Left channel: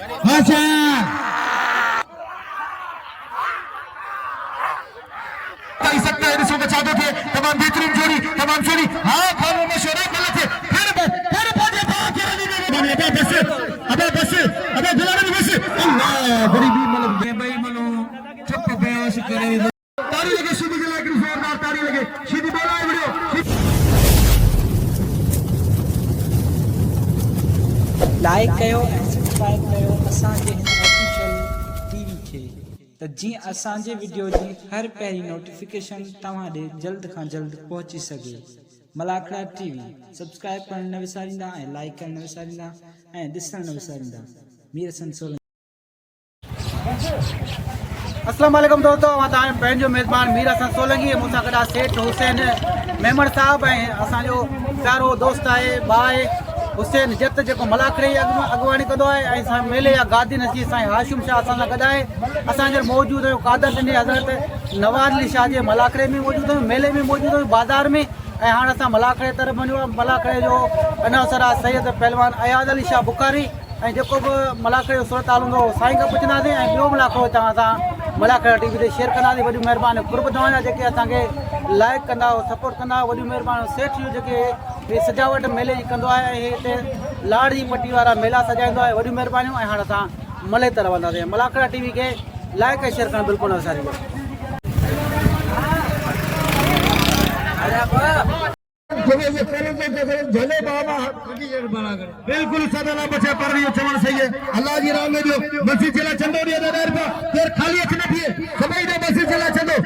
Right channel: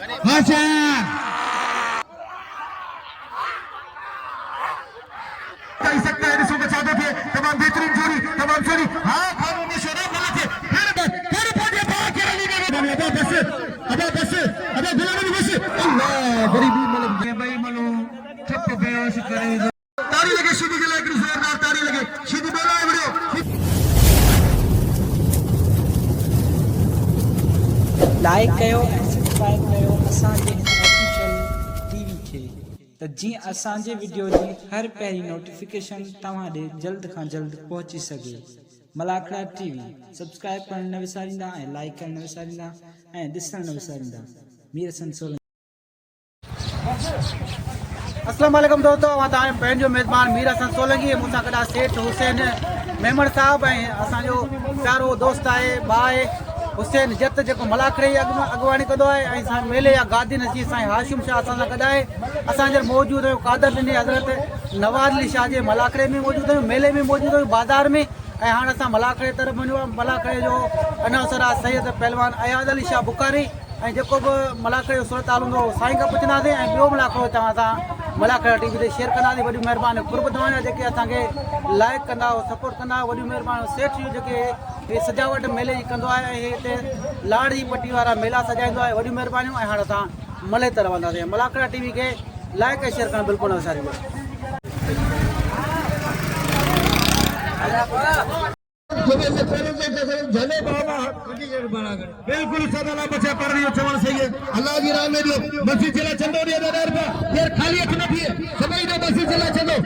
अच्छा कह सकते हैं इसको बचा देते तमाम बेहतरीन जोड़ी तमाम जोड़ी हाँ खानों में शोरा मिले थे फिर पहुंचे अबे बस अबे दिलाने की बस अल्लाह गरीबी मतलब भाई मनो ट्रिप पे बेश करे तारी लगे सीधी के लायक जोरदार तारी लगे सीधी बोला है वीडियो लाइक कयो ऐं सब्सक्राइब कयो असांजे हिन ऑफिशियल टीवी खे त जीअं असांजे वीडियो जी हर पहिरीं नोटिफिकेशन तव्हां ॾे जल्द खां जल्द पहुची सघे। मलाखड़ा टीवी सब्सक्राइब करणु न विसारींदा ऐं लाइक करणु न विसारींदा ऐं ॾिसणु न विसारींदा। मीर हसन सोलंकी। अस्सलाम वालेकुम दोस्तों, मां तव्हांजो पंहिंजो मेज़बान मीर हसन सोलंकी मूंसां गॾु सेठ हुसैन मेमण साहब ऐं असांजो प्यारो दोस्त आहे भाउ आहे हुसैन जत जेको मलाखड़े जी अॻुवाणी कंदो आहे ऐं असांजे मेले जा गादी नसीर साईं हाशिम शाह असां सां गॾु आहे। असांजे मौजूदु हुयो कादर ॾिनी हज़रत नवाज़ अली शाह जे मलाखड़े में मौजूदु हुयो, मेले में मौजूदु हुयो, बाज़ार में। ऐं हाणे असां मलाखड़े तरफ़ वञो। मलाखड़े जो अनासर आहे सैयद पहलवान अयाद अली शाह बुखारी ऐं जेको बि मलाखड़े जो सूरत हाल हूंदो साईं खां पुछंदासीं ऐं ॿियो मलाखड़ो तव्हां सां मलाखड़ा टीवी ते शेयर कंदासीं। वॾी महिरबानी कुर्ब तव्हांजा जेके असांखे लाइक कंदा सपोर्ट कंदा, वॾी महिरबानी सेठ जो जेके सजावट मेले जी कंदो आहे ऐं हिते लाड़ जी पट्टी वारा मेला सजाईंदो आहे, वॾियूं महिरबानियूं। ऐं हाणे असां मले तरफ़ वञंदासीं। मलाखड़ा टीवी खे लाइक ऐं शेयर करणु बिल्कुलु न विसारिजो। बिल्कुल सदाला बचा पर रही चवण सही है अल्लाह जी राम में जो मस्जिद चला चंदो रे दादा यार खाली अच न थिए सभई ने मस्जिद चला चंदो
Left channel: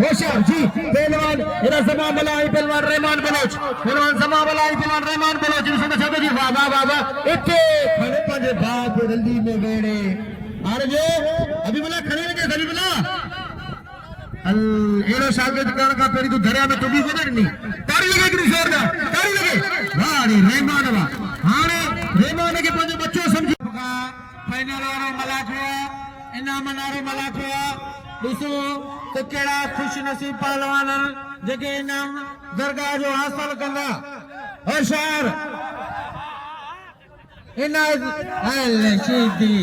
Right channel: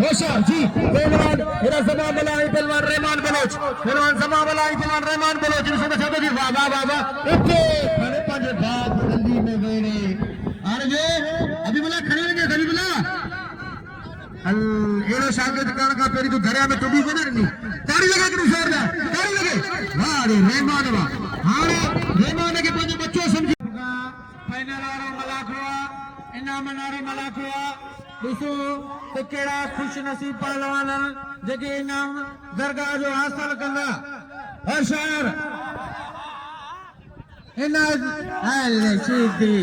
होशियार जी पहलवान इरा समा मलाई पहलवान रहमान बलोच पहलवान समा मलाई पहलवान रहमान बलोच जिसमें बचा दो जी वाह वाह वाह वाह इतने खड़े पंजे बात जल्दी में वेड़े अरे जो अभी बोला खड़े लगे खड़ी बोला एड़ो शागिर्द करण का पेरी तो धरिया में टुटी वजर नहीं ताड़ी लगे कि जोरदार ताड़ी लगे वाह रे रहमान वाह हां रहमान के पंज बच्चों समझो फाइनल वाले मलाखड़ा इनाम नारे मलाखड़ा दोस्तों तो केड़ा खुश नसीब पहलवान जगे इनाम दरगाह जो हासिल कंदा होशियार इनायत सीधी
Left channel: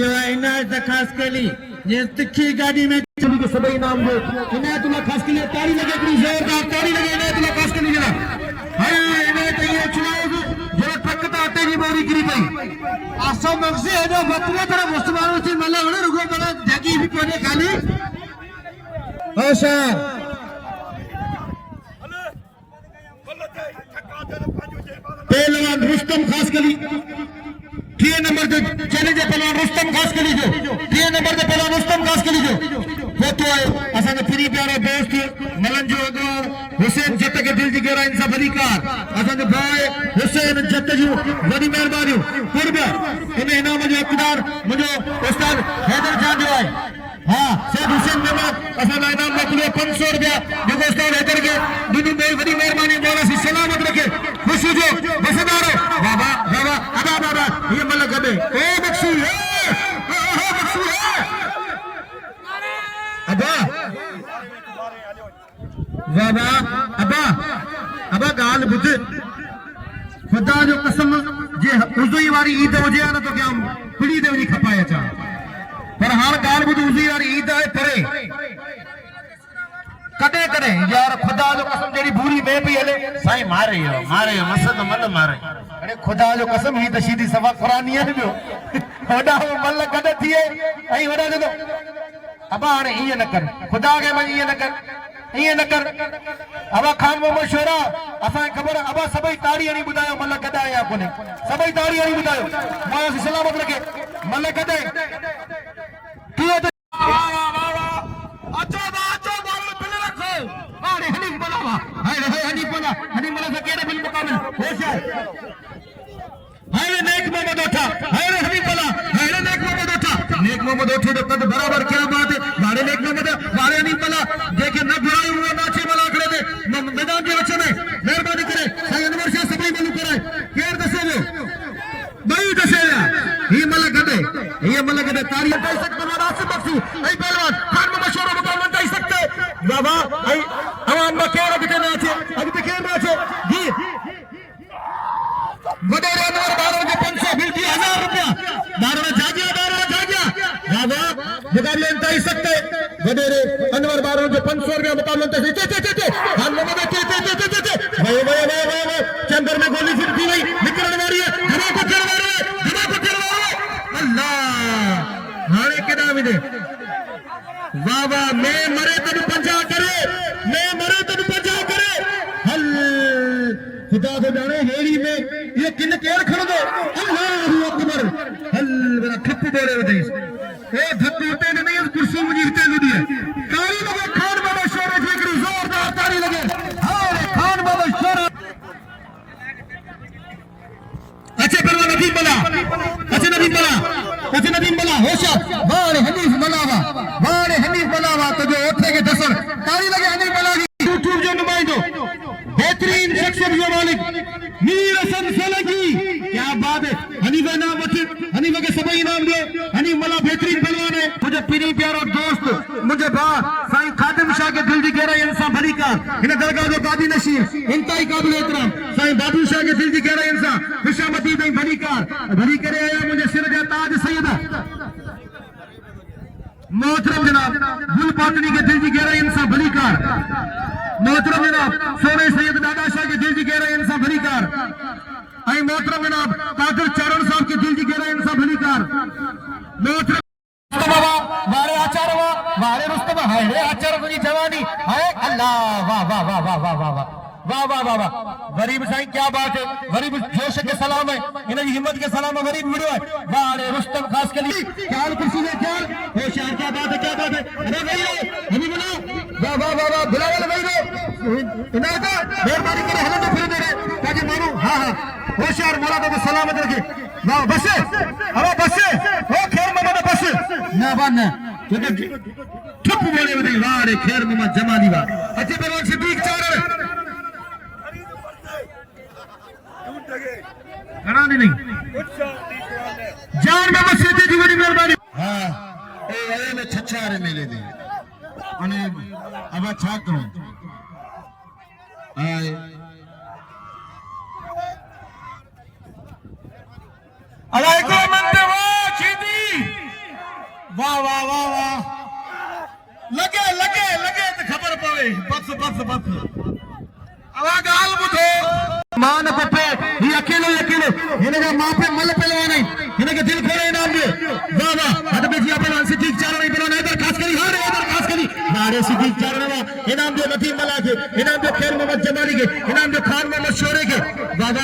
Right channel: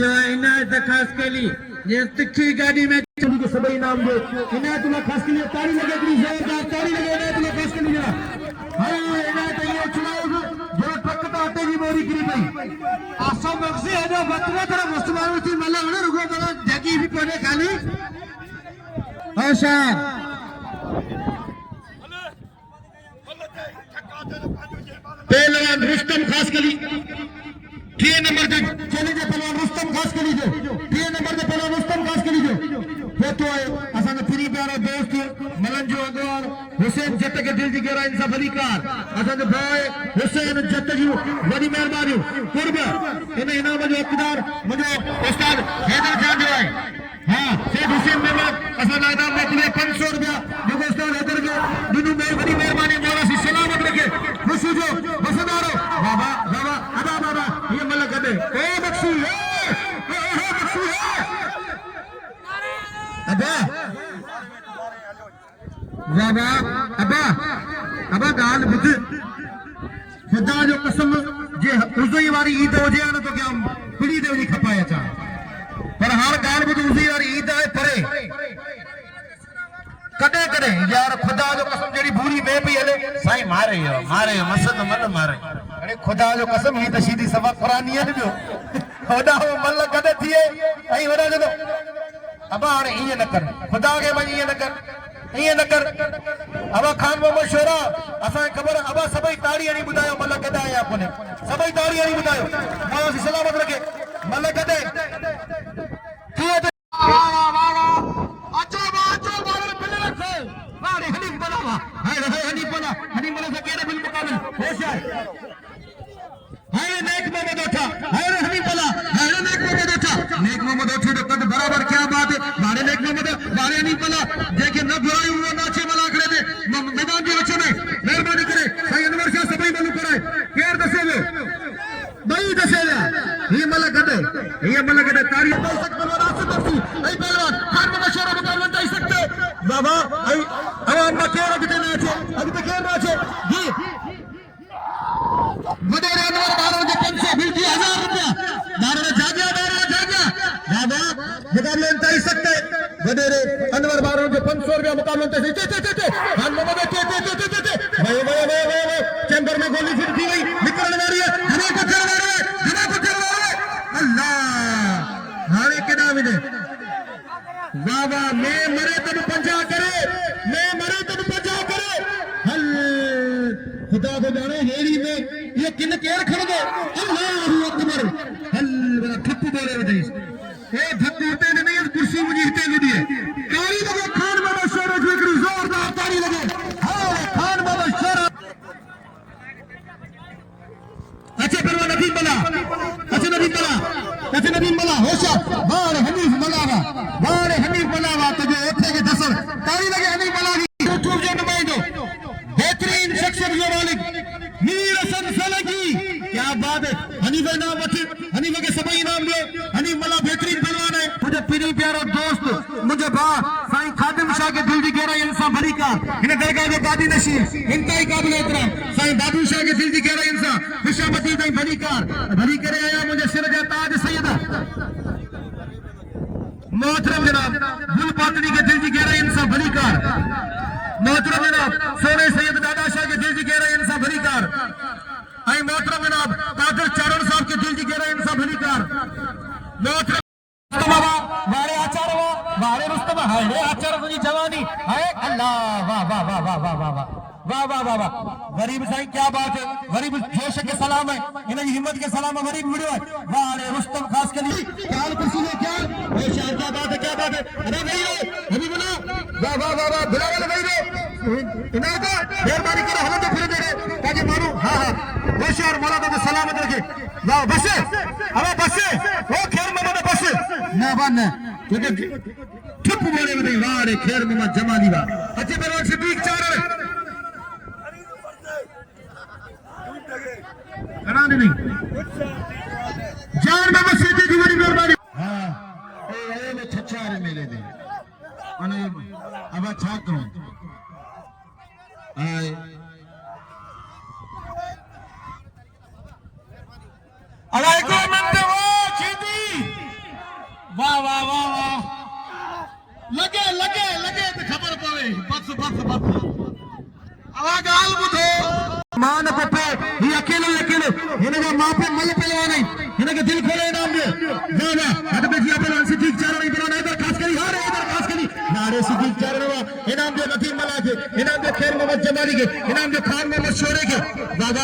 ये इनायत खास के लिए ये तिखी गाड़ी में के सभी नाम दे इनायतुल्लाह खास के लिए ताड़ी लगे कि जोरदार ताड़ी लगे इनायतुल्लाह खास के लिए हाय इनायत ये चुनाव जो टकता तेरी मेरी गिरी गई आसो मगसे है जो बतरे तरह मुस्लमानों की मले होने रुको मले जगी भी कोने खाली होशियार पहलवान रुस्तम खास के लिए 3 नंबर के चले जे पहलवान रुस्तम खास के लिए 3 नंबर के पहलवान रुस्तम खास के लिए फोटो असन फ्री प्यारे दोस्त मलन जो अगोर हुसैन जत के दिल जी गहरा इंसाफ अली कार असन भाई हुसैन जत जो बड़ी मेहरबानी कुर्ब इन इनाम जो इकदार मुझे उस्ताद हैदर खान जो है हां सेठ हुसैन मेमन असन इनाम में 500 रुपया जो उस्ताद हैदर के दुनु बहुत बड़ी मेहरबानी मेरा सी सलामत रखे खुशी जो बेसदार बाबा बाबा अदा बाबा ये मलक दे ए बख्शी ए बख्शी अबा बाबा अबा अबा गाल बुध खुदा जो कसम जे उज़ई वारी ईद होजे न तो क्या पिड़ी दे वनी खपाया चा पर हर गाल बुध उज़ई वारी ईद है परे कदे कदे यार खुदा जो कसम जेडी भूरी में भी हले साईं मारे मसद मन मारे अरे खुदा जो कसम ही तो सीधी सवा कुरानी है जो होदा हो मल कदे थिए आई वडा जो अबा हाणे ये न कर खुदा के मन ये न कर अबा खान मोहम्मद शोरा असा खबर अबा सबई ताड़ी हणी बुधायो मल कदा आया कोने सबई ताड़ी हणी बुधायो मां सलामत रखे मल कदे थिए अच्छा बारे बिल रखो हारे हनी बोला हनी बोला से केरे बिल मुकाबिल होशियार हारे नेक मोहम्मद उठा हारे हनी बोला हारे नेक मोहम्मद उठे तो कद बराबर क्या बात है बारे नेक मोहम्मद बारे नहीं बोला देखे न बुराई हुआ नाचे मलाखड़े में मैदान के बच्चे में मेहरबानी करे सही अनवर शाह सभी मालूम कराए केर दसे लो बई दसे ये मलक दे तारी दे सकते मुनासिब बख्शी ऐ पहलवान खान में मशहूर मुकाबला दे सकते बाबा ऐ आवाम में केर अभी नाचे जी बड़े अनवर 12 के 500 50,000 रुपया 12 जागे मुकाबले इंतहाई सकते वडेरे अनवर बारों जो 500 रुपया मुकाबले इंतहाई चैंबर में गोली फिर की नहीं निकलने वाली है अल्लाह हारे के नाम ने वाह वाह मैं मरे तब पंजा करे हल खुदा को जाने हेरी में ये किन केर खड़ दो अल्लाहु अकबर हल मेरा ठप्पू बोले वदी ओ धक्कू उठे ने नहीं कुर्सी मुझे हिते दी है ताली लगे खान बाबा शोर जिकरी जोरदार ताली लगे हां खान बाबा शोर अच्छे पहलवान नदीम बला होशियार बार हनीफ मलावा तो जो उठे के दसर ताली लगे हनीफ बला की यूट्यूब जो नुमाइंदो बेहतरीन शख्सियत जो मालिक मीर हसन सोलंकी क्या बात है हनीफ इनाम वठी हनीफ के सभी इनाम लियो हनीफ मला बेहतरीन पहलवान है मुझे पीरी प्यारो दोस्त मुझे भा साईं खादिम शाह के दिल की गहराई इंसान भरी का इन दरगाह में बादी नशीर इंतहाई काबिल एहतराम साईं बादू शाह के दिल की गहराई इंसान खुशामदी नहीं भरी करे आया मुझे सिर जा ताज सैयद मोहतरम जनाब गुल पातनी के दिल की गहराई इंसान भरी कार मोहतरम जनाब सोने सैयद दादा शाह के दिल की गहराई इंसान भरी कार आई मोहतरम जनाब कादिर चारण साहब के दिल की गहराई इंसान भरी कार मोहतरम वारे आचारवा वारे रुस्तम हाय रे आचार की जवानी हाय अल्लाह वाह वाह वाह वाह वाह वाह वाह वाह वाह वाह गरीब साईं क्या बात है गरीब जोश के सलाम है इन हिम्मत के सलाम है गरीब मिलो है वारे रुस्तम खास के लिए ख्याल कुर्सी में ख्याल ओ शाह क्या बात है अरे भाई अभी बना वाह वाह वाह वाह बिलावल भाई रे इनाय का मेहरबानी करे हलन तो फिर दे रे ताकि मानो हां हां होशियार मौला को सलामत रखे वाह बस अरे बस ओ खैर मामा बस ना बन क्योंकि ठप बोले वदे वारे खैर मामा जमाली वा अच्छे पहलवान सिद्दीक चारण घना नहीं जान बाबा सीधी की बड़ी मेहरबानी हां ए ने छछारे मेले दे अने अब छा करो आए अलाइको मंदवा खीदी वाह वाह वाह वाह लगे तो खबर पवे बस आवा गाल बुधो मान पप्पे ये अकेले इनका मां पे मल पहलवान है इनके दिल खोले इनाम दो वाह वाह हद पे जी अपन से ठीक चारण नहीं पहलवान इधर खास करी हां इधर खास करी नारे से ठीक चारण वा इनाम दो नदीम मला के इनाम दो खैर मोहम्मद जमाली के इनाम दो खान मोहम्मद शोरे के वाह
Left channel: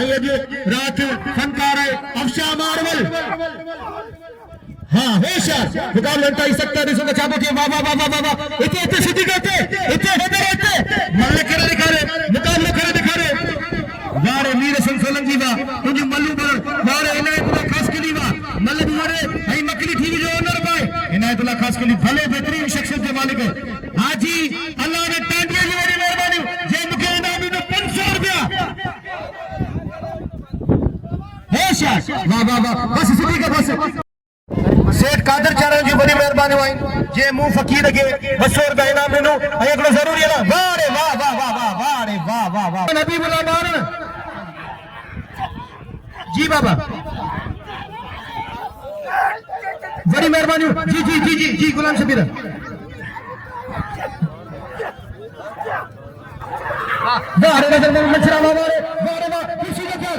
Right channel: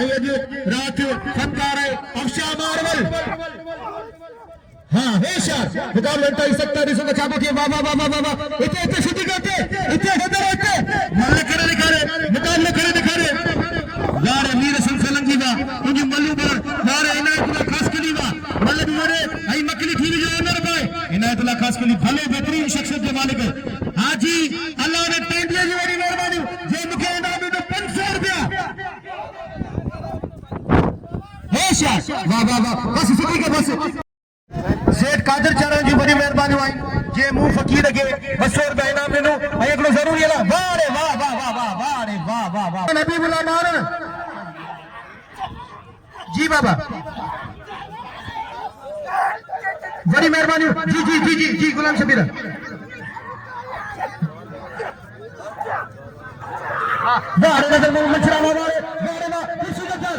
आइए जी रात फनकार है अफशा मारवल हाँ होशियार मुकाबला इंतहाई सकता दिसो का चाबो के वाह इते सिटी के इते मल्ल करे दिखा रहे मुकाबला करे दिखा रहे वारे मीर हसन सोलंकी वा तुझी मल्लू वारे इनायतुल्लाह खास कली वा मल्ल वारे आई मकली टीवी जो अंदर पाए इनायतुल्लाह खास कली भले बेहतरीन शख्सियत के मालिक है हाजी अल्लाह ने टेंडर की बड़ी मेहरबानी जे मुके इनाम दे 500 रुपया होशियार वाह बस सिटी के बस सेठ कादिर चारण की बड़ी मेहरबानी हुई जे मुंह फकीर के 200 रुपया इनाम देनो एकड़ो जरूरी है वारे वाह नबी बुला मारन जी बाबा बड़ी मेहरबानी जी गुलाम शबीर वारे नजर में मछरावा वारे वाह किसी का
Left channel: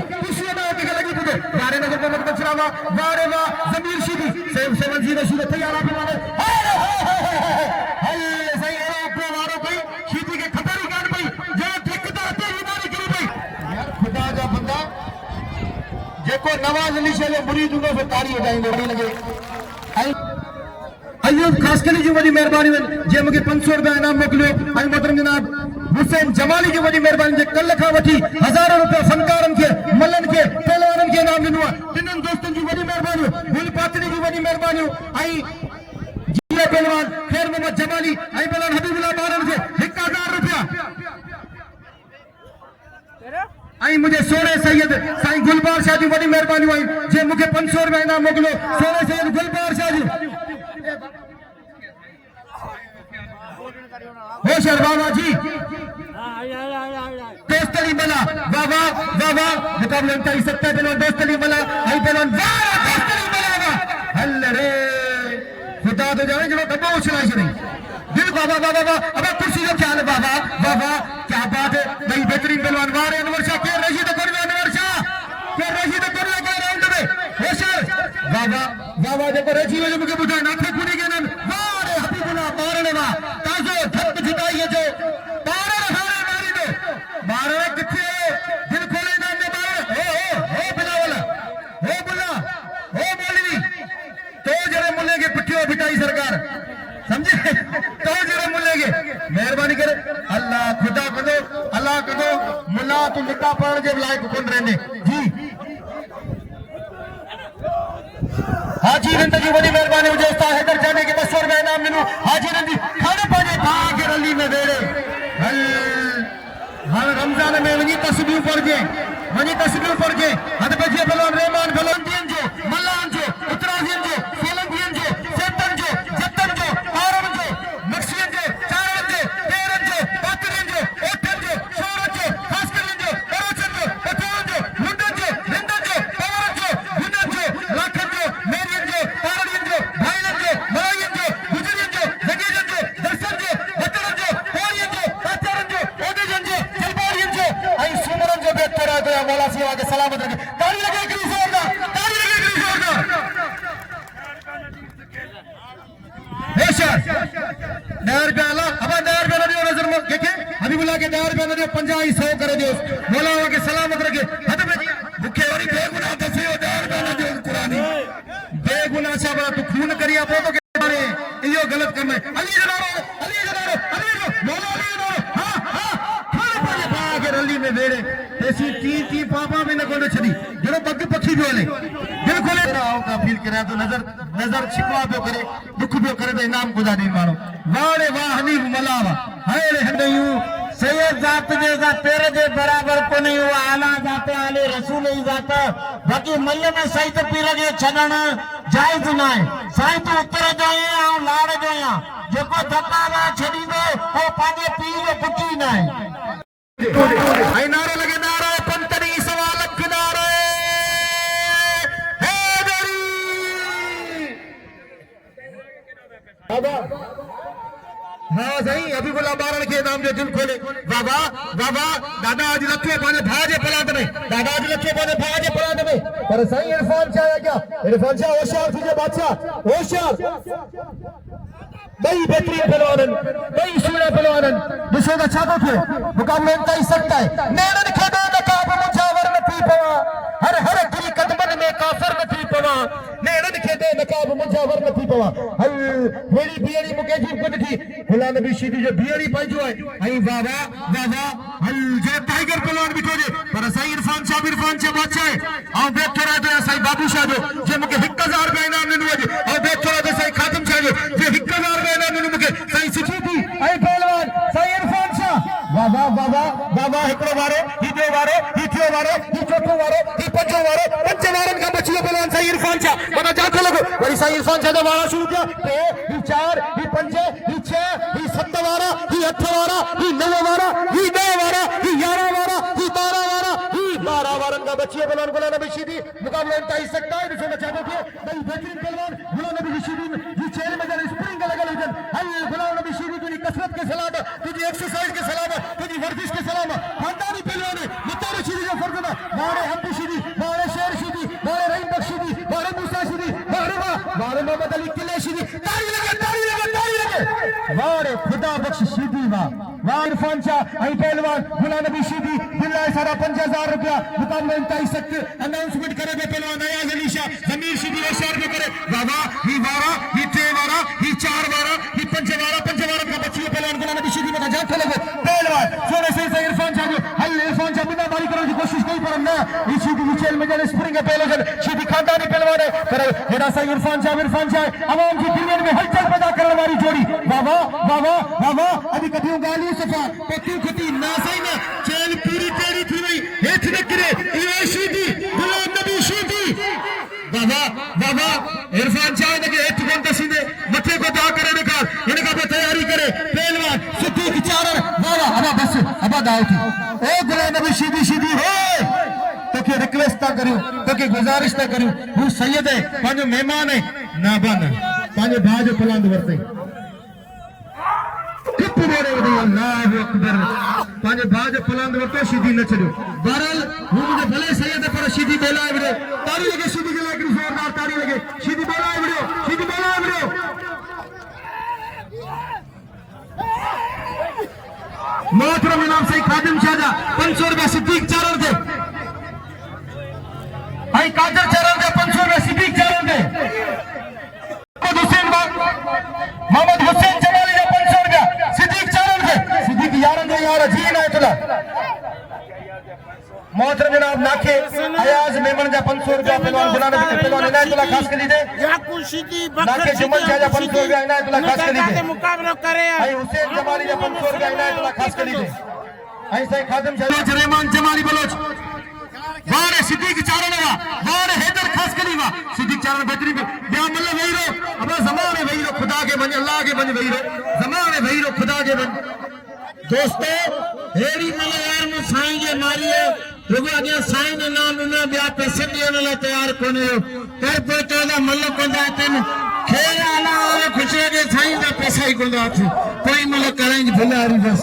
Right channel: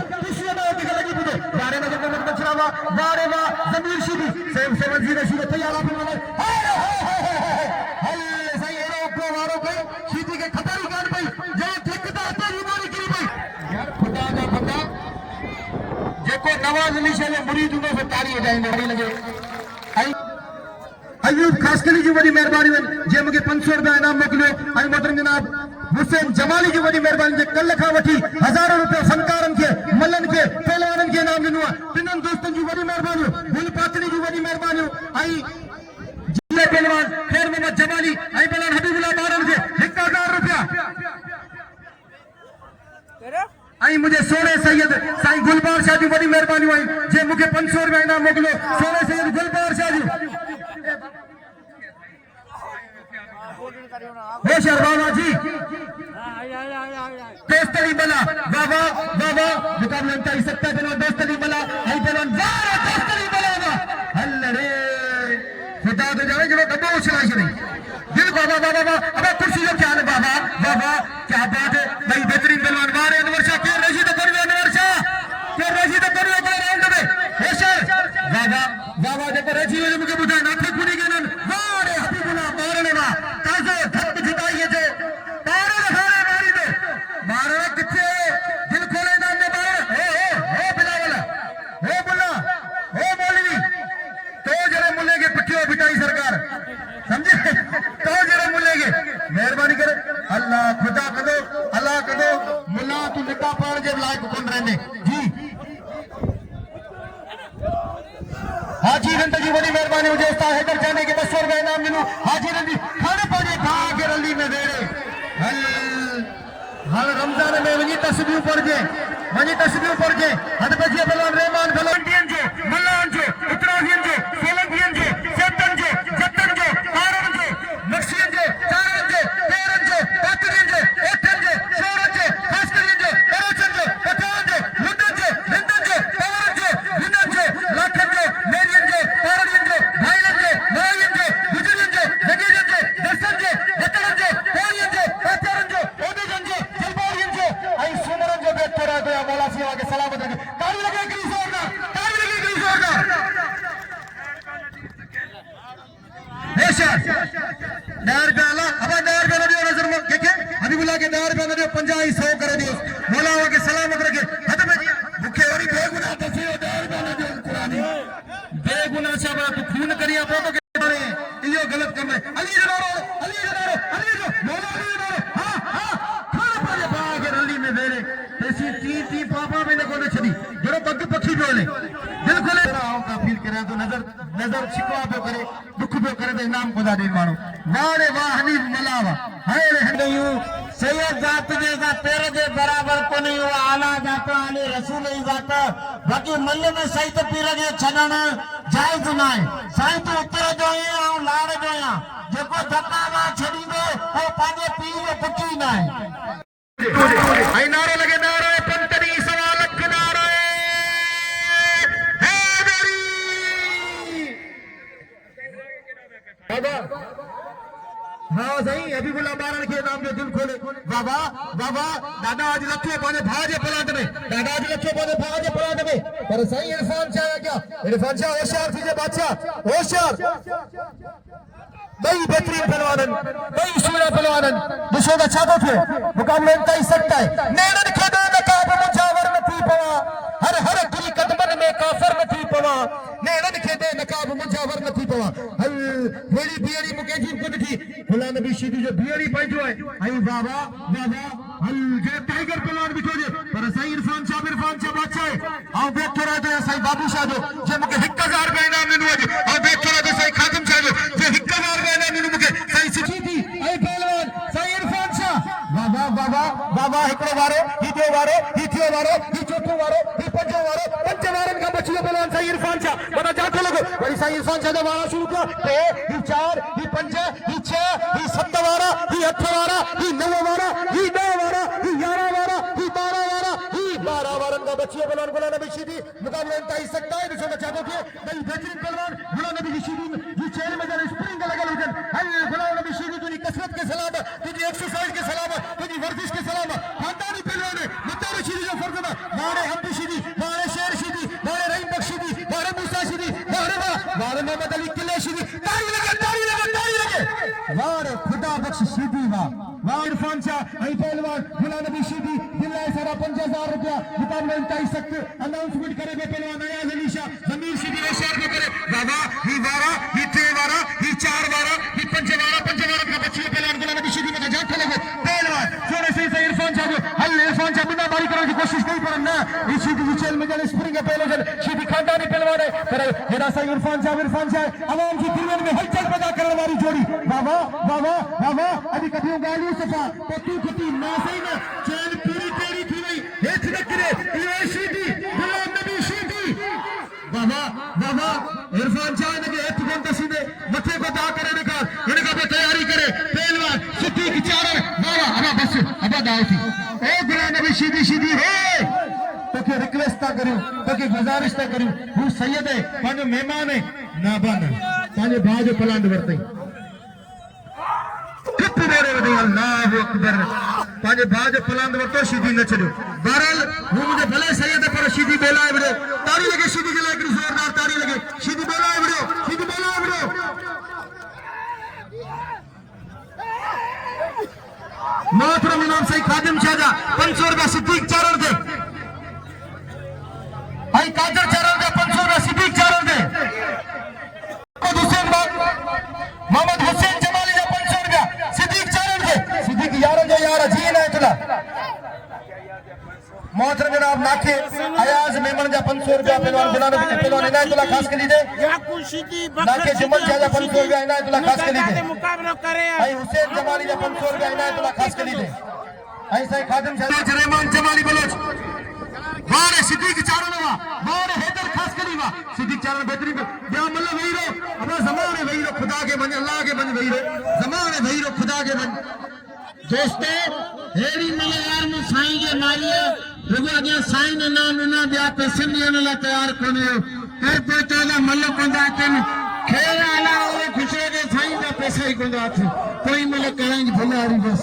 के लगी बुदे वारे नजर में मछरावा वारे वाह जमीर शीदी सेम जी रसूल तैयार आके मारे हल सही है ऊपर वारो भाई शीदी के खतरी काट भाई जे ठेकेदार तो बीमारी करी भाई यार खुदा का बंदा जेको नवाज अली शाह जो मुरीद हुंदो से तारी जाएंगे नहीं लगे अयूब खास कली जी बड़ी मेहरबानी जे मुके 500 रुपया इनाम मोकिलियो आई मतलब जनाब हुसैन जमाली की बड़ी मेहरबानी जे कल खा वठी हजारों रुपया फनकारन के मल्लन के पहलवानन के नाम दिनो तिनन दोस्तन की बड़ी मेहरबानी गुल पातनी की बड़ी मेहरबानी आई जिला पहलवान खैर मोहम्मद जमाली आई पहलवान हबीबुल्लाह मारन के 1000 रुपया आई मुझे सोने सैयद साईं गुलबार शाह जी बड़ी मेहरबानी हुई जे मुके 500 रुपया इनाम मोकिलियो सोने सैयद गुलबार शाह जी होशियार बाबा जी दोस्तली मला वाह मुकाबला इंतहाई सकता है दोस्तली मला आई पहलवान दोस्तली मला हल्ले रे छड़ी दिल बाबा बाबा बाबा अबे कुर्सी जो क्या बाबा बाबा क्या बात है भाई बेहतरीन पहलवान वार अनवर शाह के रशीद करियो अनवर शाह के रशीद करियो के राउंड में होशियार बाबा बाबा देखो रशीद ने मुझे बुझा ना थे खुदी के नाम वारे हबीबुल्लाह मारने ना ताजो धक जिताइए जो तारे हारे मारी दो मारे किथे दिल खोले नाम में बारे हो बिलावल हो बुला हो मौलवी तो जरे मुल्ले के पिट्ठियों बिटाई सरकार समझे तो जरे मुल्ले के मेहरबानी करे अल्लाह खुदा कदो मुल्ला तू लिखा पढ़ जे लायक कौन रहंदे जी हाजी नंद जी वडी मेहरबानी मुझे उस्ताद हैदर जाने के 200 रुपए इनाम मिलू हाजी नंद जी खाने पाने खा के रली में दे रहे हर रमजान में वनी तस्बीह पढ़ के हद बजे पहलवान रहमान पहलवान जो मल्लान जो उत्तराखंड जो सोलंकियन जो सेतन जो जतन जो तारन जो मक्सियन जो चारन जो तेरन जो पातरियन जो एठन जो शोरन जो भास्करन जो कराचन जो पठान जो लुंडन जो रिंदन जो तारन जो विनन जो लाखन जो मेरियन जो तारनियन जो भाईलन जो मलायन जो गुजरियन जो जगेजन जो दर्शन जो बतरन जो कोरियन जो पाचरन जो ओडिजन जो जलपारियन जो आई सुमरन जो बेहतर है तो मौला सिया के सलामत रखे ताली लगा के जोरदार दायर पे आला अब दायर पे दियो नजर में देखे हबीबुल्लाह के दायर पे दियो 50 100 करे दियो मौला के सलामत रखे हद में भूखे वाली बेगुनाह दसियो दायर पे दियो कुरानी बेगुनाह से बात खून करिया पो तो के यो गलत करना है अली जनारो मौला अली हां थोड़े पड़े पा के रली में बेड़े ऐसी टी पापा में न कोने छदी जरो पग पखी बेले दिल खोले आओ का फील करे तो नजर शिकवा पे करे दुख पे करे तो इनाम खुदा दे मारो वारे वाह हनीफ मलावा हाय रे नहीं सैयद जात जैसा तेरे जे बराबर को नहीं हुआ आला जात आले रसूल ही जात बाकी मल्ले में सही तो पीर जे छडण जायज ना है सही तो उतर जो है और लाड़ जो है जेको धक्का ना छडी दे वो पाने पी जो पुटी ना है आई नारे लगे नारा पंतरी सवाल किनारे बाबा हाँ सही हबीबुल्लाह बारण के नाम जो दिल खोले बाबा बाबा दादा आज लखे पाने भाजे पलात में दादा आज लखे पाने भाजे पलात में पर सही इरफान शाह है क्या इरफान शाह होशियार थी बादशाह होशियार बई बेहतरीन पहलवान बई सूरा पहलवान दिशो का छापो थे मुकाबले में तय सकता है नेड़न खेदो नकाब मुझावर न पी पवा हर हर दिल कदमन में काफर न थी पवा नेड़न खेदो नकाब मुझावर न थी पवा हल मेरी बियरी मुकेजी को थी खुला नबी सीधी जो बियरी पाइजो है आई बाबा बाबा हल जो टाइगर पहलवान बिठो जे पर सही इरफान शाह बादशाह है और देख के रहते हैं सही बाबू शाह जो मुके 1000 रुपए इनाम मिलवा जो और देख के रहते सही खातिम शाह जो 1000 रुपए इनाम मिलवा मुके सही सिखी आई पहलवान सही इरफान शाह बाबा बाबा बाबा एकड़ो वारो ही दो वारो ही थियो वारो ही चौथो वारो ही पंजो वारो पंज वारन का बचियो पहलवान सही इरफान शाह बता जाते लगे वही सही इरफान शाह दा वारा शुरू किया तो ही 4 ही 5 ही 6 ही 7 वारा ही 8 वारा ही 9 वारा ही 10 वारा ही 11 वारा ही 12 वारा ही 12 वारन का बचियो पहलवान गुलाम नबी शीदी मुकाबला इंतहा सकता है दूसरे में चाहते थे भाई बेहतरीन पहलवान गुलाम नबी शीदी ये चेहरे में जरा स्प्रिंग लगा लेकिन हल गुलाम नबी शीदी तुझी कसरत के सलाम तुझी एक्सरसाइज के सलाम तुझी वर्जिश के सलाम खानदानी पहलवान मुतार शीदी जो फर्ज में मारे हम्पी शीदी मारे शेर शीदी मारे रहीम बख्श शीदी मारे मूसा शीदी मारे मोहम्मद अली किले शीदी ताली लगे मारे खुदा बख्श शीदी वाह इरफान शाह आई पहलवान गुलाम नबी शीदी बिल्लाह सारा 5000 रुपया मुकाबले इंतहा सकते अनाउंसमेंट करे पहलवान अयाज अली शाह जमीर शीदी होशियार में करे बाबा ही वारा ही 3 वारा ही 4 वारा ही 5 वारा का बच्ची पहलवान गुलाम नबी शीदी में जाते लगे पहलवान सोने से इरफान शाह जो हल इरफान शाह बिना बारी करने की कोशिश नहीं पर ना इस शीदी विचेल में जने स्प्रिंग है पहलवान शीदी खानदानी पहलवान है पर खुदा सा इरफान शाह आवाम की दिल में हलचल पैदा करने वाली जोड़ी बाबा बाबा बाबा अभी कथियों गाली सफा पति खती ना सही में चैन पूरी तेरी थी नहीं हेठ नकरे ये शीदी गुलाम नबी शीदी बाबा बाबा इरफान शाह ने के हेठ घंटे सीधे मथे को दा करे निकाल इनका भी तैयारी करे पहलवान सुतू विचार बाबा अबा बस अबा दाव थी ओ गुलाम नबी शीदी हो तो के रिक्वेस्ट ता करूं तो के गुजारिश ता करूं वो सैयद है पांजो मेहमान है ना बन पांजो भाजो पलांद वरते अल्लाह अकबर पंहिंजे भाउ जो फलांद वरितो सीधी न छॾियो बहरहाल हू मुंहिंजे भले सही पर सीधी ॿोलाए विड़ियो ताड़ी लॻे सीधी जे लाइ हिकिड़ी ज़ोरदार ताड़ी लॻे सीधी ॿोलाए विड़ियो सीधी ॿोलाए विड़ियो मोहतरम इमाम सही खादिम शाह जा 500 रुपया सिद्दीक चारण थे आई कादर चारण थे 500 रुपया सिद्दीक चारण थे मोहम्मद हुसैन जमाली जा 500 रुपया सिद्दीक चारण थे सिद्दीक यारन जो यार जी इनायतुल्लाह मोहतरम जनाब नाखे अयाज मेमन जा 500 रुपया पहलवान इनायतुल्लाह खास के लिए याकू सीधी बकर जुमन शाह जा 500 रुपया इनायतुल्लाह खास के लिए मुकाबला करे आई हुसैन जमाली जा 500 रुपया इनायतुल्लाह खास के लिए आई सही खादिम शाह रहमान जमाली बलोच वारे सिद्दीक चारण वा वारे हैदर खास के लिए सिद्दीक चारण बेहतरीन बिया मल्ला वही रो अपने ज़माने वही रो खुदा के बन अल्लाह के बन वही रो ज़माने वही रो खुदा के बन दोस्तों हेड़ी मलयार में साईं के मारिए रुगो अगे साईं ने नाम ना बिया पैसे ॾियण लाइ तयार कोने कर पोते ना मल कंदा तन खेल आना वाले खुशे के साईं का पैसा ही कोंदा थी कोई मल कराई भुलारी बस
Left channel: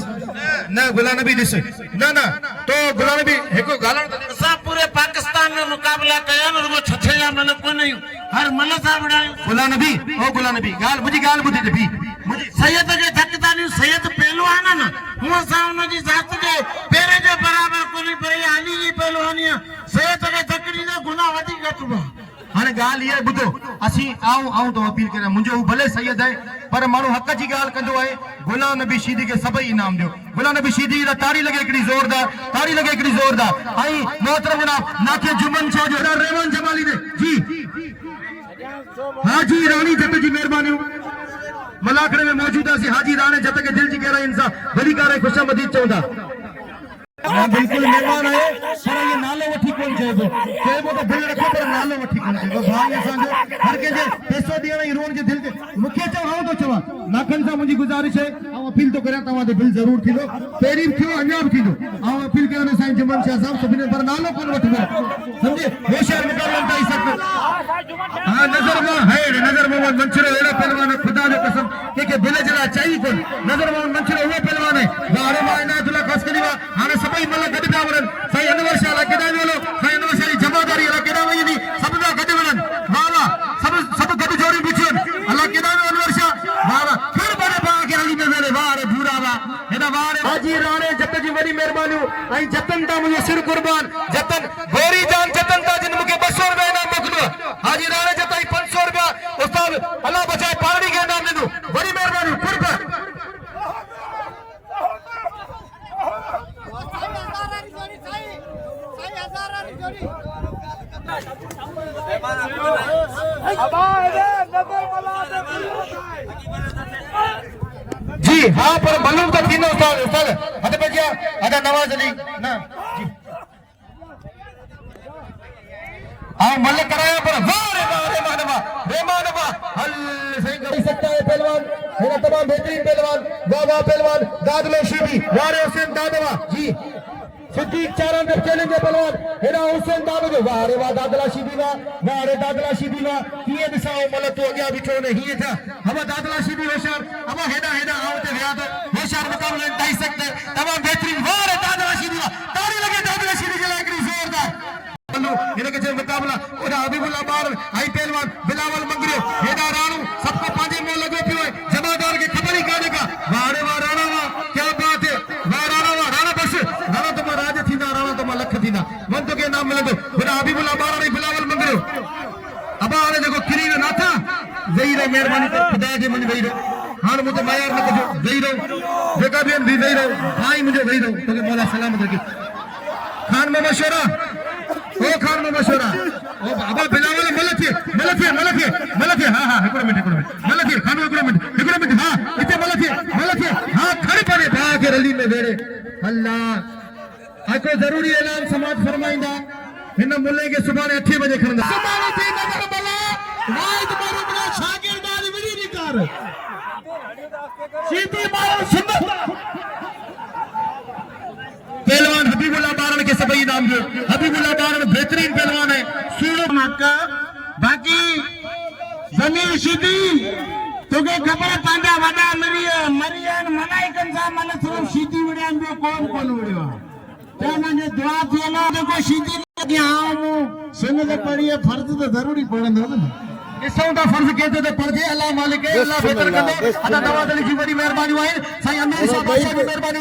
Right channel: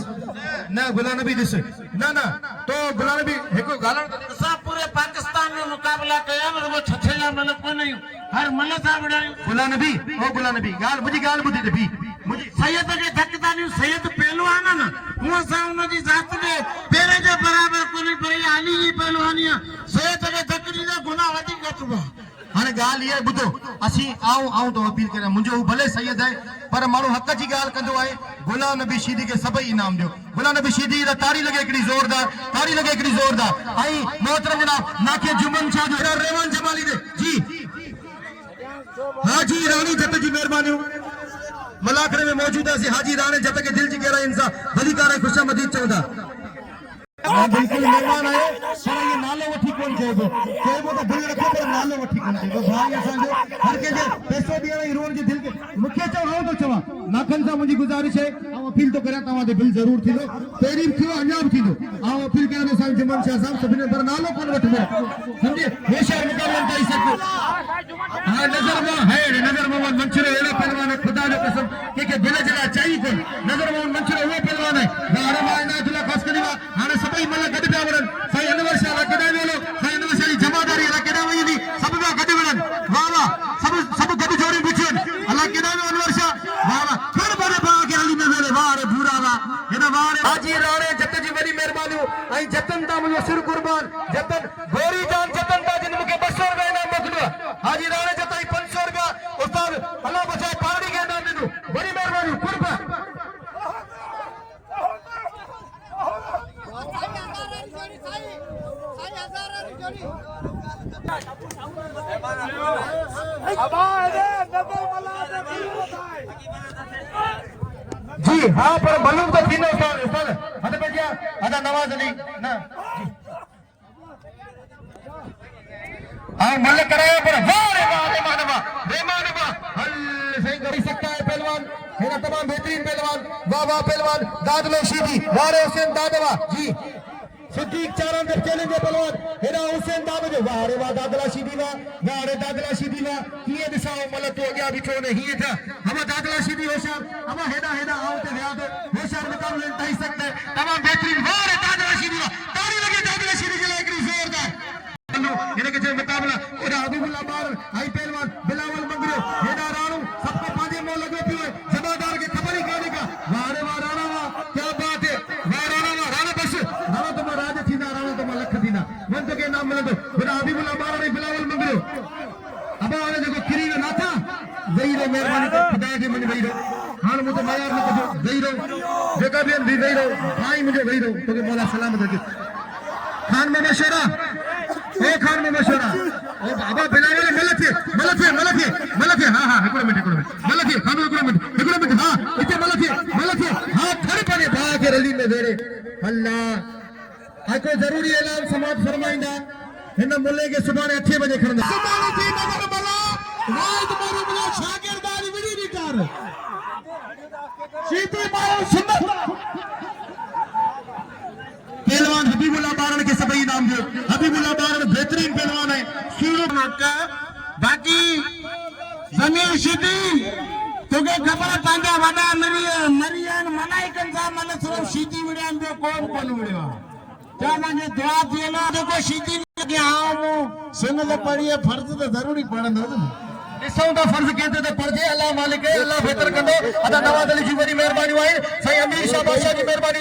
ना गुलाम नबी दिस ना ना तो गुलाम नबी एको गालन असां पूरे पाकिस्तान में मुकाबला कया रुगो छछेला मल कोने हर मल सा बणायो गुलाम नबी ओ गुलाम नबी गाल मुजी गाल बुधी दे भी मुझे सैयद के धकदानी सैयद पहलवान ना हुआ सा उनजी जात के पेरे जे बराबर कोनी पई आली ही पहलवानिया सैयद के धकड़ी ना गुनाह वधी घटवा हाने गाल ये बुधो असी आऊं तो अपील करा मुंजो भले सैयद है पर मानो हक जी गाल कंदो है गुलाम नबी शीदी के सभई इनाम दियो गुलाम नबी शीदी दा ताड़ी लगे एकड़ी जोरदार ताड़ी लगे एकड़ी जोरदार आई मोहतरम जनाब नाके जुमन शाह जो रहमान जमाली ने जी हाजी रानी जत जी मेहरबानी मलाखरे में मौजूद है हाजी राणे जत के दिल जी गहरा इंसान दिली करे खुशामदीद चौंदा बिल्कुल मेहमान आए पर ये नालो वठी कोन चेबो तो दिल रखो पर नालो वठी कोन चेबो भाई असांजो हर के जे पैसो दियण ई रोन के दिल के मुखे चव तो चवा नाखन सा मुजी गुजारिश है आ अपील तो करा तवा दे बिल जरूर थीलो पेरी थियो अन्या भी थीलो आ अपील करने साईं जमन शाह साहब सभिने पर नालो कोन वठबो समझे होशियार मुकाबला काई सको हां नजर में है नजर में मंचरो एड़ा पहलवान खुदा जो कसम के बिल जरा चाहिए कोन नजर में मंचरो वो पहलवान है गारे में इनायतुल्लाह खास करीवा हाने सभई मल गड पिया वरन साईं अनवर शाह ला केदा वेलो साईं अनवर शाह जी जमादारी ला केदा वई सब पिया गड वरन वाह वाह सब गड जोड़ी बिछन अल्लाह केदा अनवर शाह वाह वाह फिर बड़े बा के अली में वेले वाह रे भूरा वाह हेदा वाह रे हाजी राणे जत जी वडी मेहरबानी आई जतन ता मुझे सिर कुर्बान जतन गोरी जान जतन ता जिन मुके 200 रुपया इनाम मोकलो हाजी राणे जताई 500 रुपया उस्ताद अल्लाह बचाए पानी के इनाम दे बड़ी मेहरबानी कुर्बान जी हाँ पर बलून तो थी ना उस्ताद हद पे क्या अदा नवाज अली ना जी हाँ मल कराया पर वारे मानवा हल सही कर सकता है पहलवान मेरा तमाम बेहतरीन पहलवान वाह पहलवान दादलो शीदी वारे हुसैन दादवा जी सिद्दीक चारण के चैलेंज पहलवान हेरा हुसैन दादवा वारे वाह दादला शीदी वारे दादला शीदी किए दिसाओ मल तो अगिया बिठो ने ही था हम दादला शीदी होशियार हम हेडा आओ ते गया तो होशियार मुकाबला नहीं सकते तमाम बेहतरीन वारे दादला शीदी ताड़ी लगे दादला शीदी के लायक जोरदार इनके जो मुकाबला और हबीबुल्लाह बार हाई पहलवान बिलावल मंगरे हेडा राणू सबको पांचे मोल लगे पियो जमादार के खबर ही काने का वारे वाह राणा वाह क्या बात है वाह राणा बस राणा तो राज थीना राणा तो लख थीना मन तो के नाम मिले बिना हबीबुल्लाह बार और बिलावल मंगरे अब आने देखो किरी ना था जई रे मेहरबानी खुदा के मन गई रे हां मुझे मायर ने कहो जई रे जेका भी दी जई रे भाई मुझे गई रे तो के मौला सलामत रखे खान में मशवरा ए खान में मशवरा ओ बाबा बिलावल मलथे हां एकड़ो मिनट मलथे खान एकड़ो मिनट हां इते मलथे हां खड़े पड़े बा के रली में वेड़े अल्लाह आको जरूरी ऐलान समाज फरमाइंदा इन मुल्ले के सुबह 8 बजे खरंदा सुबानी थी नजर बला वाइद मारो बला शागिर्दार विड़ी निकार सीधी मारो सुन्नत पहलवान हबीबुल्लाह बारण के सभी नाम जो हबीबुल्लाह बारण बेहतरीन पहलवान है सूरो बाकी जमीन सीधी तोखे ख़बर पंहिंजा वॾा मरी मलाइकनि सां मन सिर्फ़ु शीटी विड़ियानि ॿियो कोन विड़ियो आहे चवंदा जे दुआ थियल आहे जेको शीटी लॻी हा मूं सिमत पढ़ी फर्ज़ त ज़रूरी पढ़ंदो न ॾिसूं था फर्ज़ केतिरो त पढ़जे अलाह मालिक अलाह बेहतर कंदे अदा नवाज़ अली जी वॾी महिरबानी आहे साईं अमीर शाह बादशाह जी महिरबानी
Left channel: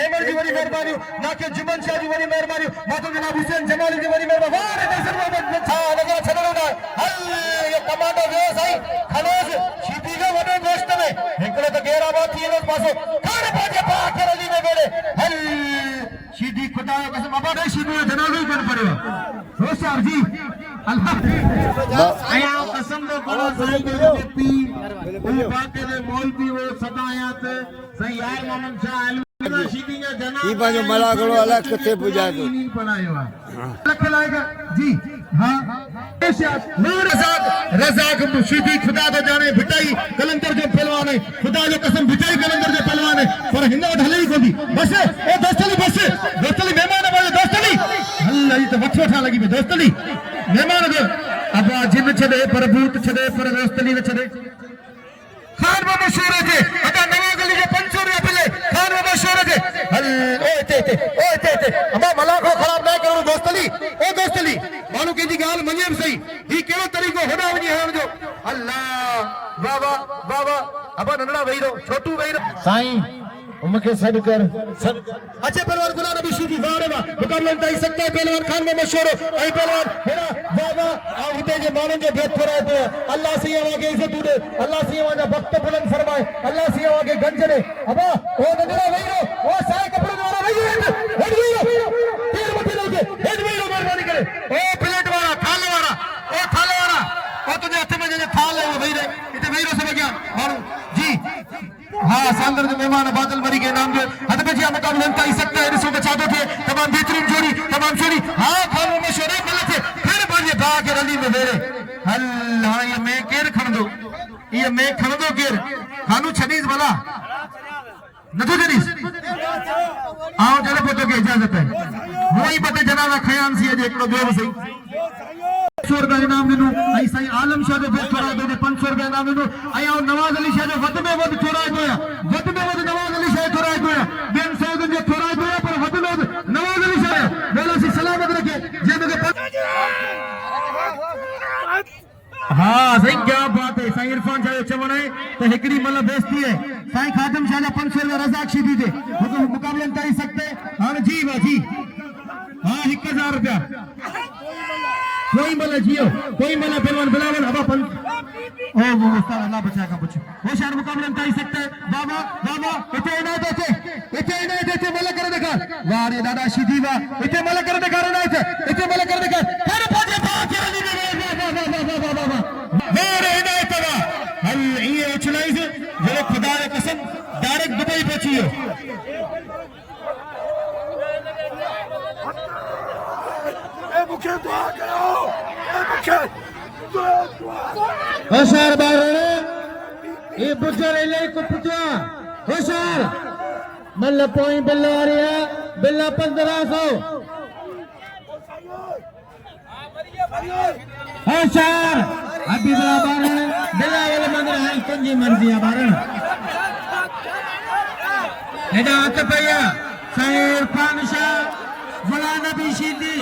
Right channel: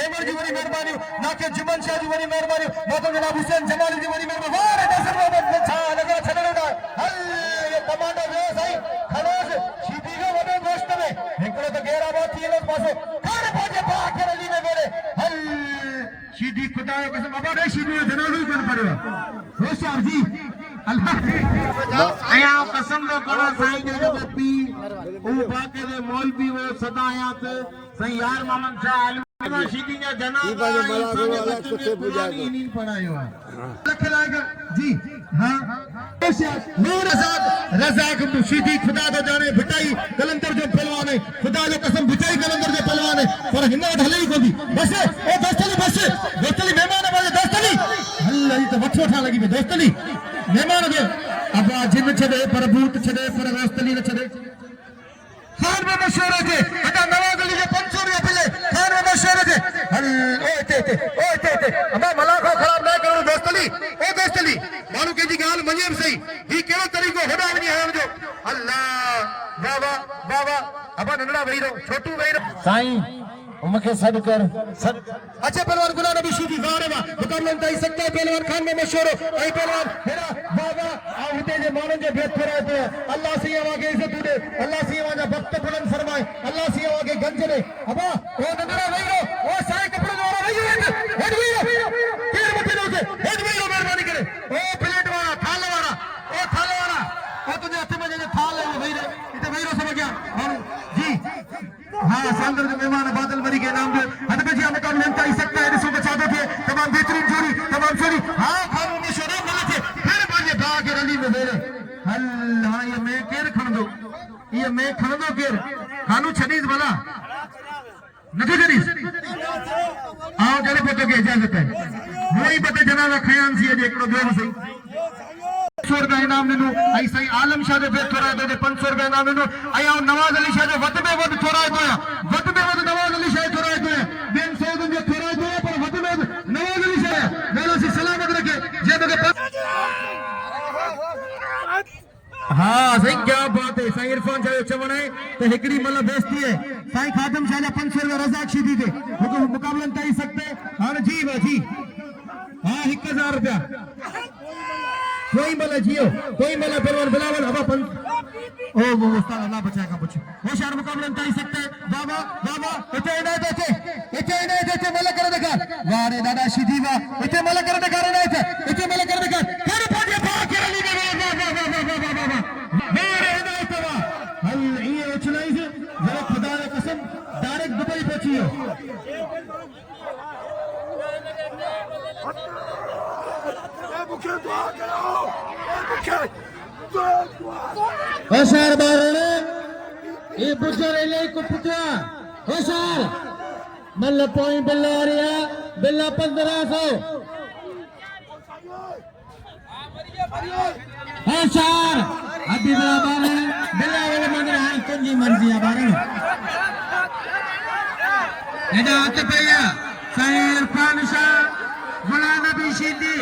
जेमर जी वॾी महिरबानी नाके जुमन शाह जी वॾी महिरबानी मोहम्मद जनाब हुसैन जमाली जी वॾी महिरबानी वारे देसर में छा लॻा छॾणो न हल ये कमांडो जो साईं खलोस शीटी जो वॾो दोस्त में हिकिड़ो त गैराबाद थी वेंदो पासो खान पाजे पाखे अली ने वेड़े हल शीटी खुदा जो कसम बाबा ने शीटी जो जनाज़ो ही कोन पढ़ियो होशियार जी अल्लाह आया कसम तो करो साईं जो पी वो बाके दे मौलवी वो सदा आया थे साईं यार मोहम्मद शाह अलवी शीटी जो जना ई बाजे मला गलो अलग कुत्ते पूजा को नहीं पढ़ायो है लख लाएगा जी हाँ रज़ाक शीटी खुदा तो जाने भिटाई कलंदर जो पहलवान है खुदा जो कसम भिटाई कलंदर जो पहलवान है पर हिन वटि हले ई कोन्ही बस ए दोस्तली महिमान वाले दोस्तली अल्लाह ई त वठो ठा लगी पे दोस्तली महिमान जो अब जिन छदे पर भूत छदे पर दोस्तली न छदे खान में मशहूर है अदा नवाज अली जो 500 रुपया पिले खान में मशहूर है हल ओए अबा मलाको खराब ना करो दोस्तली मानो के जी गाल मने सही ही केड़ो तरीको होड़ा वनी है जो अल्लाह बाबा अबा नंदड़ा वही रो छोटू वही रो साईं उनके सद कर सद अच्छे पहलवान गुलाम नबी सूफी वारे वा मुकाबला तई सकते पहलवान खान में मशहूर आई पहलवान हेरा बाबा आ उते जे मानन जे भेद फराए पे अल्लाह सी आगे इज्जत दे अल्लाह सी आगे वक्त बुलंद फरमाए अल्लाह सी आगे गंज ने अबा ओ नंदड़ा वही रो ओ साईं कपड़े वाला वही हेड वही रो केर मथे लोगे हेड वही रो मेहरबानी करे ओ प्लेट वाला थाल वाला ओ तुझे हथ में जे थाल है वही रे इते वही रो समझ गया और जी हाँ सांदर के मेहमान बादल मरी के नाम जो हद बजिया मुकाबले तई सकते हैं रिसो बचाते थे तमाम बेहतरीन जोड़ी तमाम जोड़ी हाँ खानों में शोरे मिले थे फिर बाजे भाग के रली में मेरे अल्लाह ये मैं केर खण दो केर खानू छनीस भला नथो छनीस आओ जरा पतो के इजाजत है वही पते जनाजा खयान सी जे एकड़ो बेव सही 500 रुपया इनाम दिनो आई साईं आलम शाह जो भेट कराए तो 500 रुपया इनाम दिनो आई आओ नवाज अली शाह जो वध में वध छोराए तो वध में वध नवाज अली शाह छोराए तो बेन सौदन जो छोराए तो पर वध में वध नवाज अली शाह बोलो से सलामत रखे जे मगे हाँ सही क्या बात है साईं इरफान शाह चवण है तो हिकड़ी मतलब दोस्ती है साईं खादम शाह जो 500 रुपया रज़ाक शीदी दे मुकाबलन तई सकते हां जी जी हाँ 1000 रुपया कोई मला जियो कोई मला पहलवान बिलावल हवा पन ओ मुस्ता अल्लाह बचाएगा बच्चों वो शहर मुकाबले तई सकते बाबा इते इने देते मला कर देखा यार ये दादा सीधीवा इते मला कर देखा रे इते मला कर देखा हर भागे भाग वाली वारे इनायत वा हल ये चलाई से जे खुदा की कसम डायरेक्ट दुबई पहुंची हो होशियार बारणे ये बुजर ले कुपतवा होशियार मल्ल पोई बिल्ला रे बिल्ला 1500 होशियार अभी बारणे बिल्ला वाले मंदिर है कुंजी मर्जी बारणे एदा अतपया शेर खान शाह गुलाम नबी शीदी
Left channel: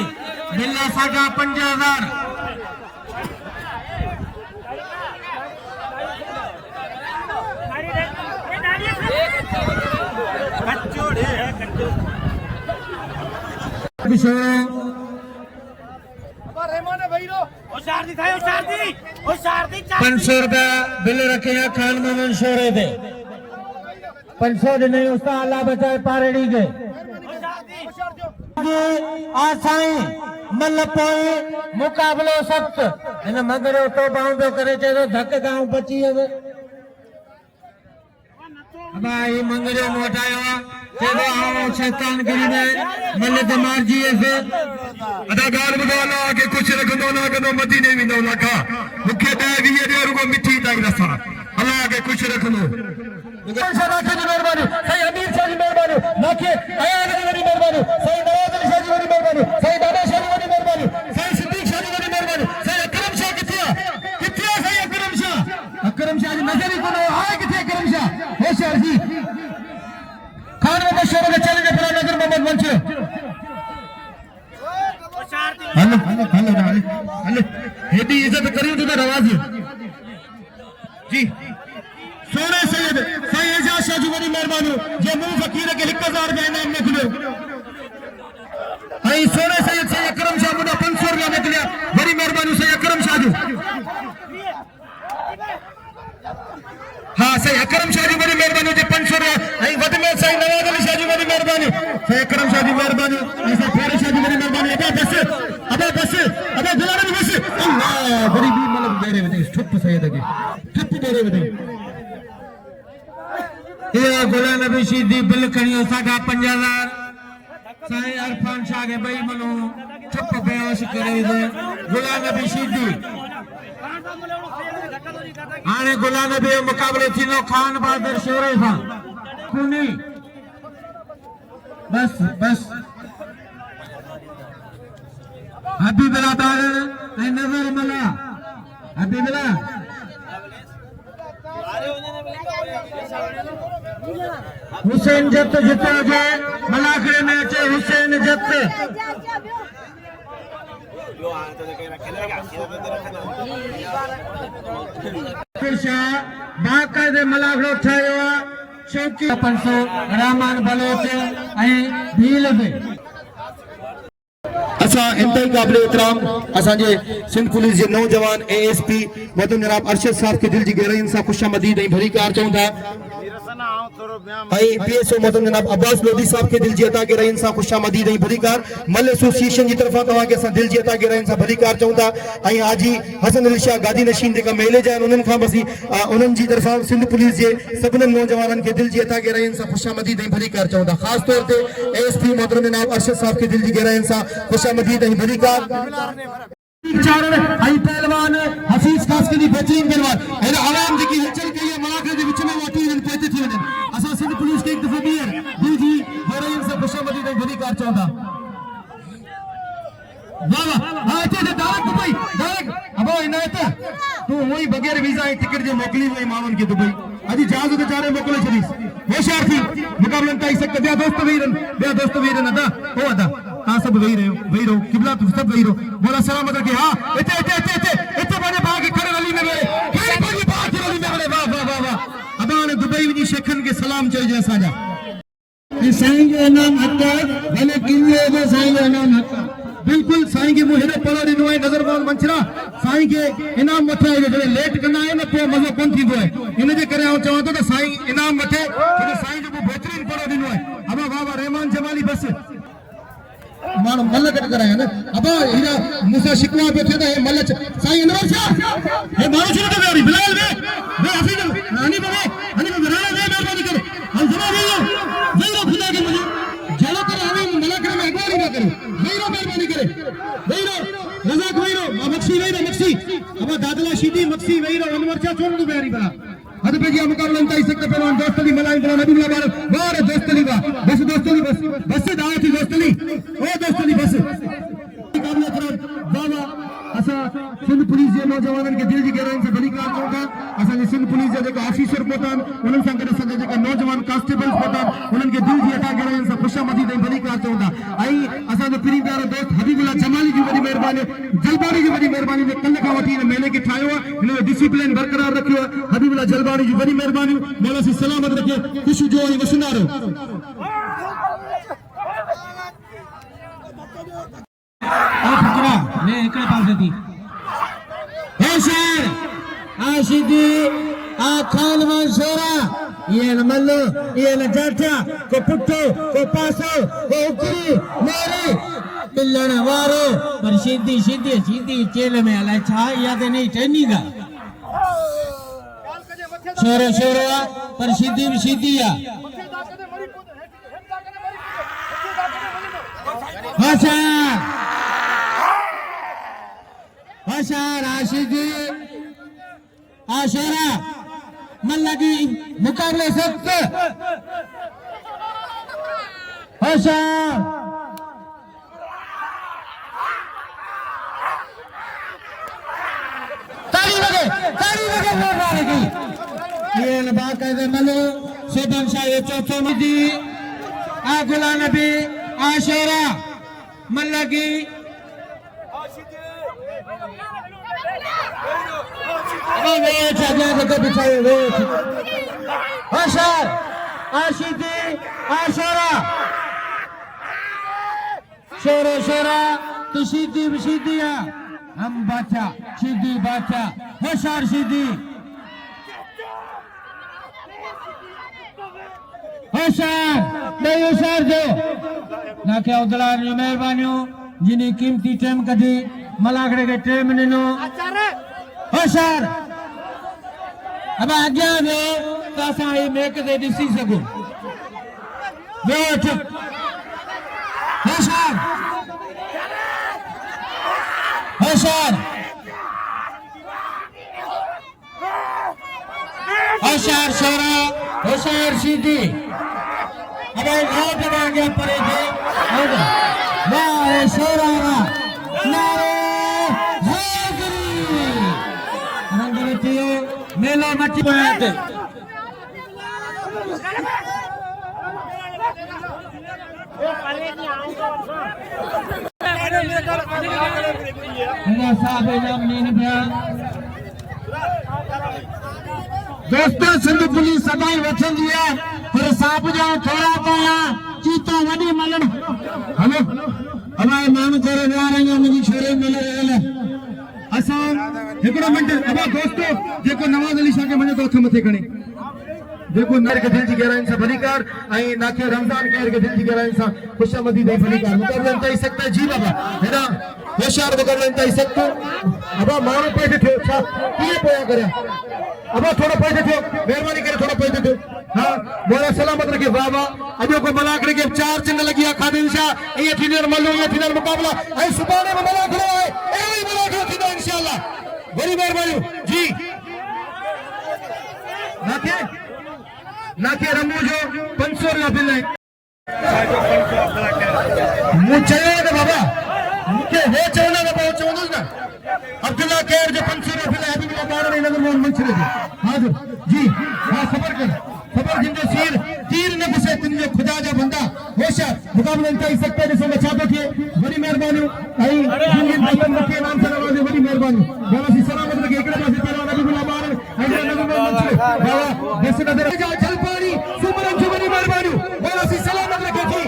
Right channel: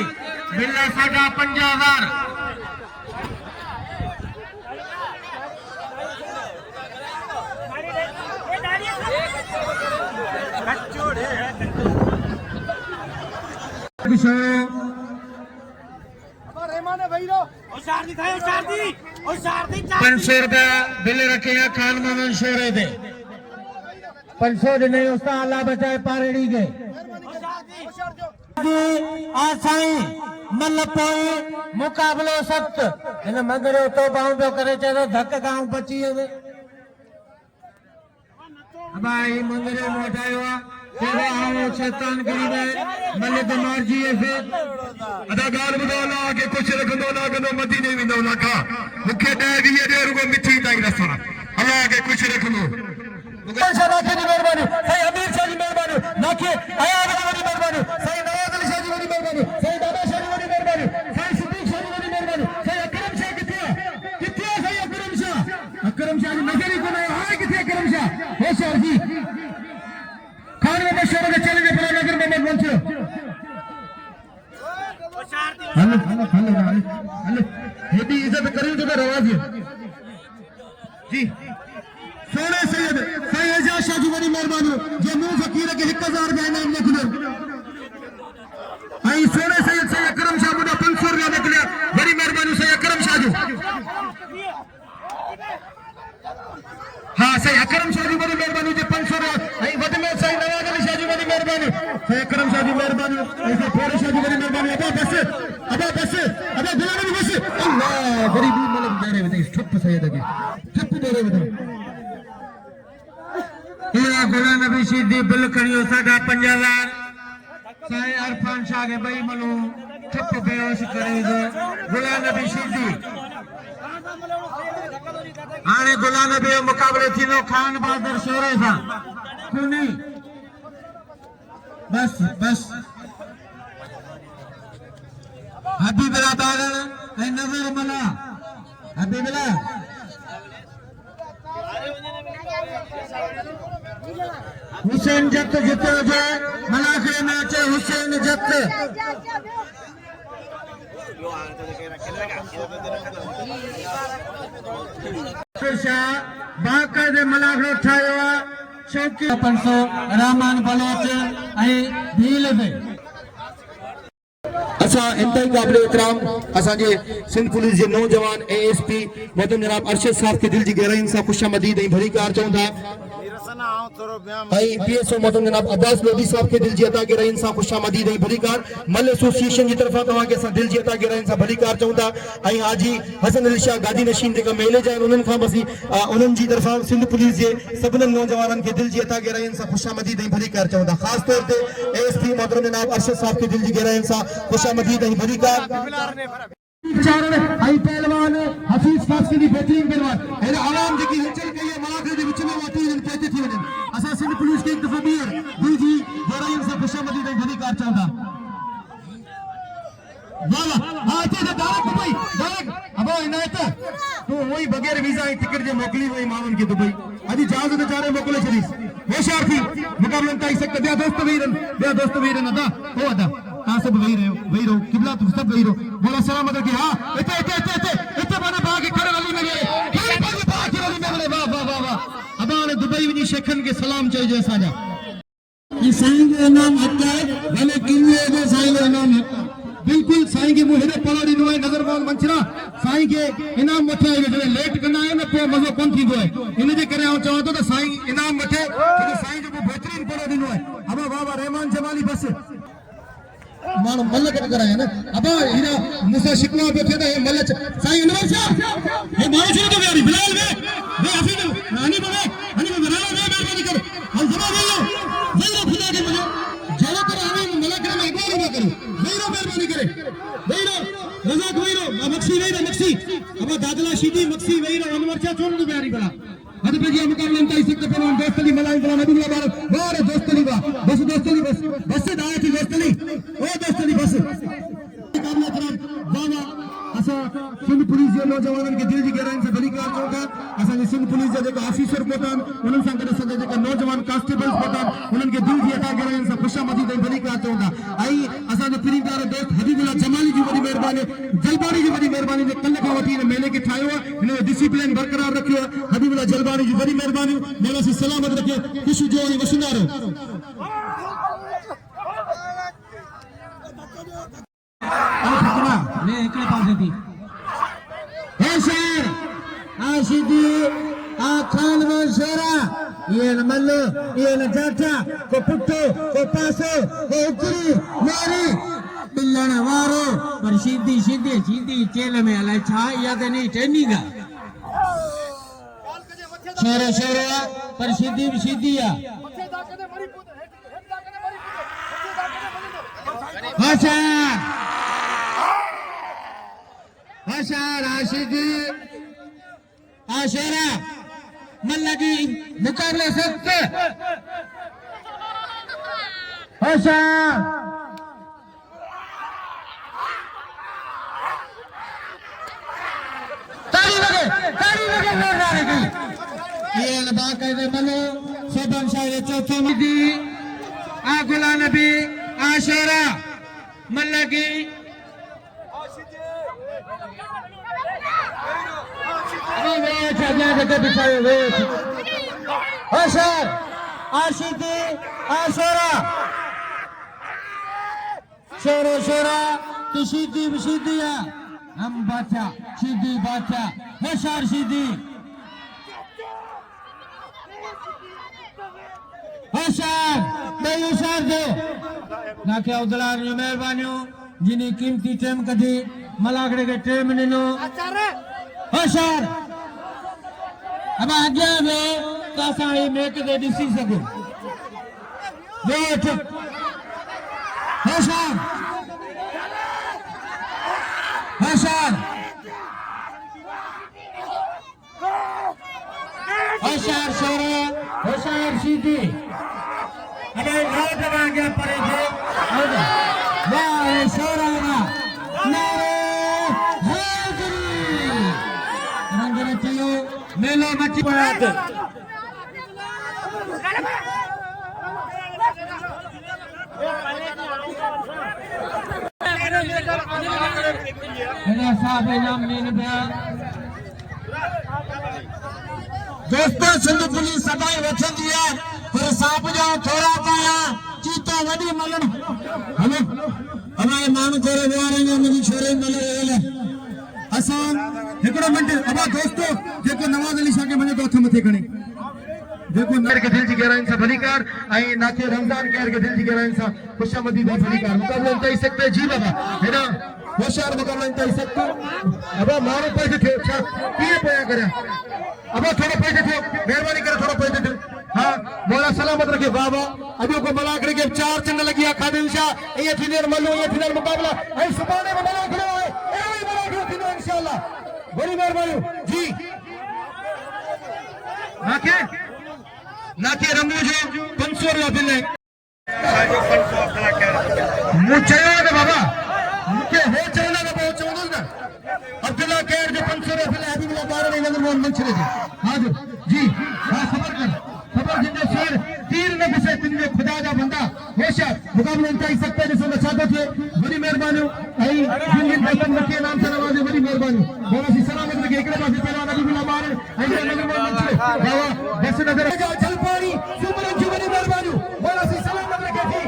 बिल्ला सागा 5000 500 रुपया बिल रखे हैं खान मोहम्मद शोरे दे 500 नहीं उसका अल्लाह बचाए पारड़ी गए मल पोए मुकाबलो सख्त इन मंगरे तो बाउंडो करे चलो धक गांव बची है भाई मंगरे मोटायो चलो आओ शैतान करीबे मल दिमाग जी है अदाकार बुदाला के कुछ रखंदो ना कदो मदीने विंदो ना का मुखे दे विये दे रुगो मिठी ताई नसा अल्लाह के कुछ रखंदो शाह की मेहरबानी सही अमीर शाह की मेहरबानी नाके आया की मेहरबानी सही नवाज अली शाह की मेहरबानी सही बाबा शाह की मेहरबानी सही सिद्दीक शाह की मेहरबानी सही अकरम शाह किथिया सही अकरम शाह की नजर इज्जत करी तो रवाजी जी सोने सैयद साईं एजाज शाह जी वरी मेहरबानी जे मुंह फकीर के 1000 रुपया इनाम निकलियो आई सोने सैयद से अकरम शाह मुझे 500 रुपया निकलिया बड़ी मेहरबानी से अकरम शाह जी हाँ सही अकरम शाह जी बड़ी मेहरबानी से 500 रुपया आई वद में सही नवाज अली शाह जी बड़ी मेहरबानी से अकरम शाह जी मेहरबानी ऐसा फेर शाह जी बड़ी मेहरबानी अबे बस अबे गुलाम जी बस अल्लाह बड़ी भी मतलब दे रहे ठुप सैयद के ठुप दे रहे ये गुलाम नबी शीदी बिल खणियो 5000 साईं अरफान शाह के भाई मनो ठिप पेश करे गुलाम नबी शीदी आने गुलाम नबी मुकाबले थी नो खान बहादुर शोरे था खूनी बस हबीबुल्लाह तारण ए नजर मला हबीबुल्लाह हुसैन जत जिते हुजे मलाखड़े में अचे हुसैन जत शाह बाकायदे मलाखड़ो ठाया शौकी 500 रहमान बलोच भील में असा इंतई काबिल एहतराम असांजे सिंध पुलिस के नौजवान एएसपी मोहतरम जनाब अरशद साहब के दिल की गहराइयुनि सां खुशामदीद ऐं भली कार चऊं था पीएसओ मोहतरम जनाब अब्बास लोधी साहब के दिल की अता गहराइयुनि सां खुशामदीद ऐं भली कार मल एसोसिएशन की तरफा तव्हांखे असां दिल की अता गहराइयुनि सां भली कार चऊं था ऐं हाजी हसन अली शाह गादी नशीन जेका मेले जा उन्हनि खां बसी उन्हनि जी तरफा सिंध पुलिस के सभिनी नौजवाननि खे दिल की अता गहराइयुनि सां खुशामदीद ऐं भली कार चऊं था ख़ासि तौर ते एएसपी मोहतरम जनाब अरशद साहब के दिल की गहराइयुनि सां खुशामदीद ऐं भली कार पहलवान हफीज खास के बेहतरीन पहलवान आराम जेकी हलचल कई है मलाखड़े के विच में वाटी पहुंचे थी वञनि असां सिंध पुलिस के एक दफ़ो ॿीहर दिल जी गहराइयुनि सां खुशामदीद ऐं भली कार चऊं था वाह वाह हां अचे डायरेक्ट दुबई डायरेक्ट अबो इनायत तू वही बगैर वीजा ऐं टिकट जे मोकली वई माण्हुनि खे दुबई अॼु जहाज़ ते चारे मोकिले छॾीस होशियार थी मुक़ाबलनि ताईं सख्त ॿिया दोस्त वेही रहनि अदा हो अदा हाँ सब वही रहो किबला तुम सब वही रहो बोला सलाम मतलब कि हाँ इते बने बाग के खड़े वाली में खड़े बने बाग के वाली में वाह अबा ने दुबई वनी शेखन के सलाम चाहिए असाजा साईं जो इनाम हक भले किले जो साईं जो इनाम हक बिल्कुल साईं के मुंह हेॾो पढ़ो ॾिनो आहे नज़रबान मंचरा साईं के इनाम वठे जॾहिं लेट कंदा आहियूं न पोइ मज़ो कोन थींदो आहे इन जे करे आउं चवां थो त साईं इनाम वठे छो साईं जेको बहितरीन पढ़ो ॾिनो आहे अबा वाह रहमान जमाली बस मानो मल कट कराया ना अब हीरा मूसा शिकवा बैठे थे मल साईं अनवर शाह ये मानो शुरू तो यारी बिलाल वे हफीज रानी बने राना वे मेहरबानी कर हम जरा वेरो खुदा के मुझे जला कर हमें मलक में अगवानी ना करे वेरो मेहरबानी करे वेरो रज़ाक वेरो मक्सी अब दादला शीदी मक्सी वेरो अनवर शाह छोड़ दो यारी बना अद पे जी मुकाबला ताई सकते पहलवान दोस्तली मलाई बना नबी बार वाह दोस्तली वाह बस दोस्तली बस से दाए थी दोस्तली ओ दोस्तली बस मुकाबला कर वाह असा सिंध पुलिस के नौजवानन के दिल की गहराई से भली कार चऊं था असा सिंध पुलिस जे जेका ऑफिसर पहुतन उन्हनि सां गॾु असांजा जेका नौजवान कांस्टेबल्स पहुतन उन्हनि खे दिल जी अता गहराई सां खुशामदीद ऐं भली कार चऊं था ऐं असांजो प्रिय प्यारो दोस्त हबीबुल्लाह जमाली जी वॾी महिरबानी जलबानी जी वॾी महिरबानी ने कल खां वठी मेले खे ठाहियो आहे हिन डिसिप्लिन बरक़रार रखियो आहे हबीबुल्लाह जलबानी जी वॾी महिरबानी मेला सी सलामत रखे ख़ुशी जो ऐं वसुंदारो मैं एक पास थी होशियार आशिकी आ खान मंसूरा ये न मल्लो ये न जाटा को पुट्टो को पासो को उकरी मेरी पिल्लन वारो पर सीधी चेल में अलाए छा याद नहीं टेनीगा छोरो पर सीधी आ होशियार आशिकी आशरा मल्लगी मुकाबले सख्त होशियार ताली लगे ये बाकायदे मलो शोभन शाह चौथो मिदी आगुला नबी आशरा मल्लगी अॻियां जेको बिछायो होशियार आशिकी आशोरा शेरे शेरा शीदी विशीदिया हम बादशाह शीदी बादशाह होशियार शीदी होशियार होशियार जो नाखे अब्दुल्ला मेहरबानियों जिन्हें कीमती टेम कढी मलागड़े के टेम ॾिनो होशियार अब अॻियां वे त असां ही मैच ते ॾिसी सघूं होशियार होशियार होशियार शेरा होशियार सीधी अब रोड में आगे पड़े थे नारे शेरा नारे हाजिरी रंगरती मेला मची पड़े दोस्तों सिंध पुलिस सदाई वठंदी आहे पर सांप जो थोड़ा पिया चीतो वॾी मलन हलो हमारे माण्हू थोरो विहारंगा मुंहिंजी छोरे मिले असां हिकिड़ो मिंट अबा दोस्तों जेको नवाज़ अली शाह खे वञे थो हथ मथे खणे देखो नर के दिल की गहराई से भलीकार आई नाके रमजान के के दिल की गहराई से खुशामदी दे भलीकार मुकाबला इंतहा सकते जी बाबा है ना होशियार मुकाबला इंतहा सकते अब मारो पैसे थे किए पोया करे अब थोड़ा पैसे थे मेहरबानी करे थोड़ा पैसे थे हां बोला सलामत रखे बाबा अबो को मलाक के चार चिन्ह लगिया खादिन सा ये थिनर मलो ये थिनर मुकाबला आई सुबाने में मलाक है ए मलाक थिनर इंशाल्लाह बड़ी मेहरबानी जी नाके रमू जो 500 रुपया बिल है मुझे बाबा मुझे हो चवना का बहुत चवनो ना अब्दुल्ला केर जो 500 रुपया बिल है अभी मेरा 12 महीने में मन छले हां जो जी हां सबर कर सबर जिंदे शेर तीर न घुसे तुमने खुदा जा बंदा होशियार मुकाबले इंतहा सकते जिसो बचाते थे बड़ी मेहरबानी आई जिंदगी भाई रखिए नाम से नवाज़े बड़ी मेहरबानी बोला सी सलामत रखे एकड़ा पासे तलवार दी बुला मारे आई नजर मन छले बाबा जैसे नजर जा चल पारी सुमरन जी बड़ी मेहरबानी बोला सी सलामत रखे थी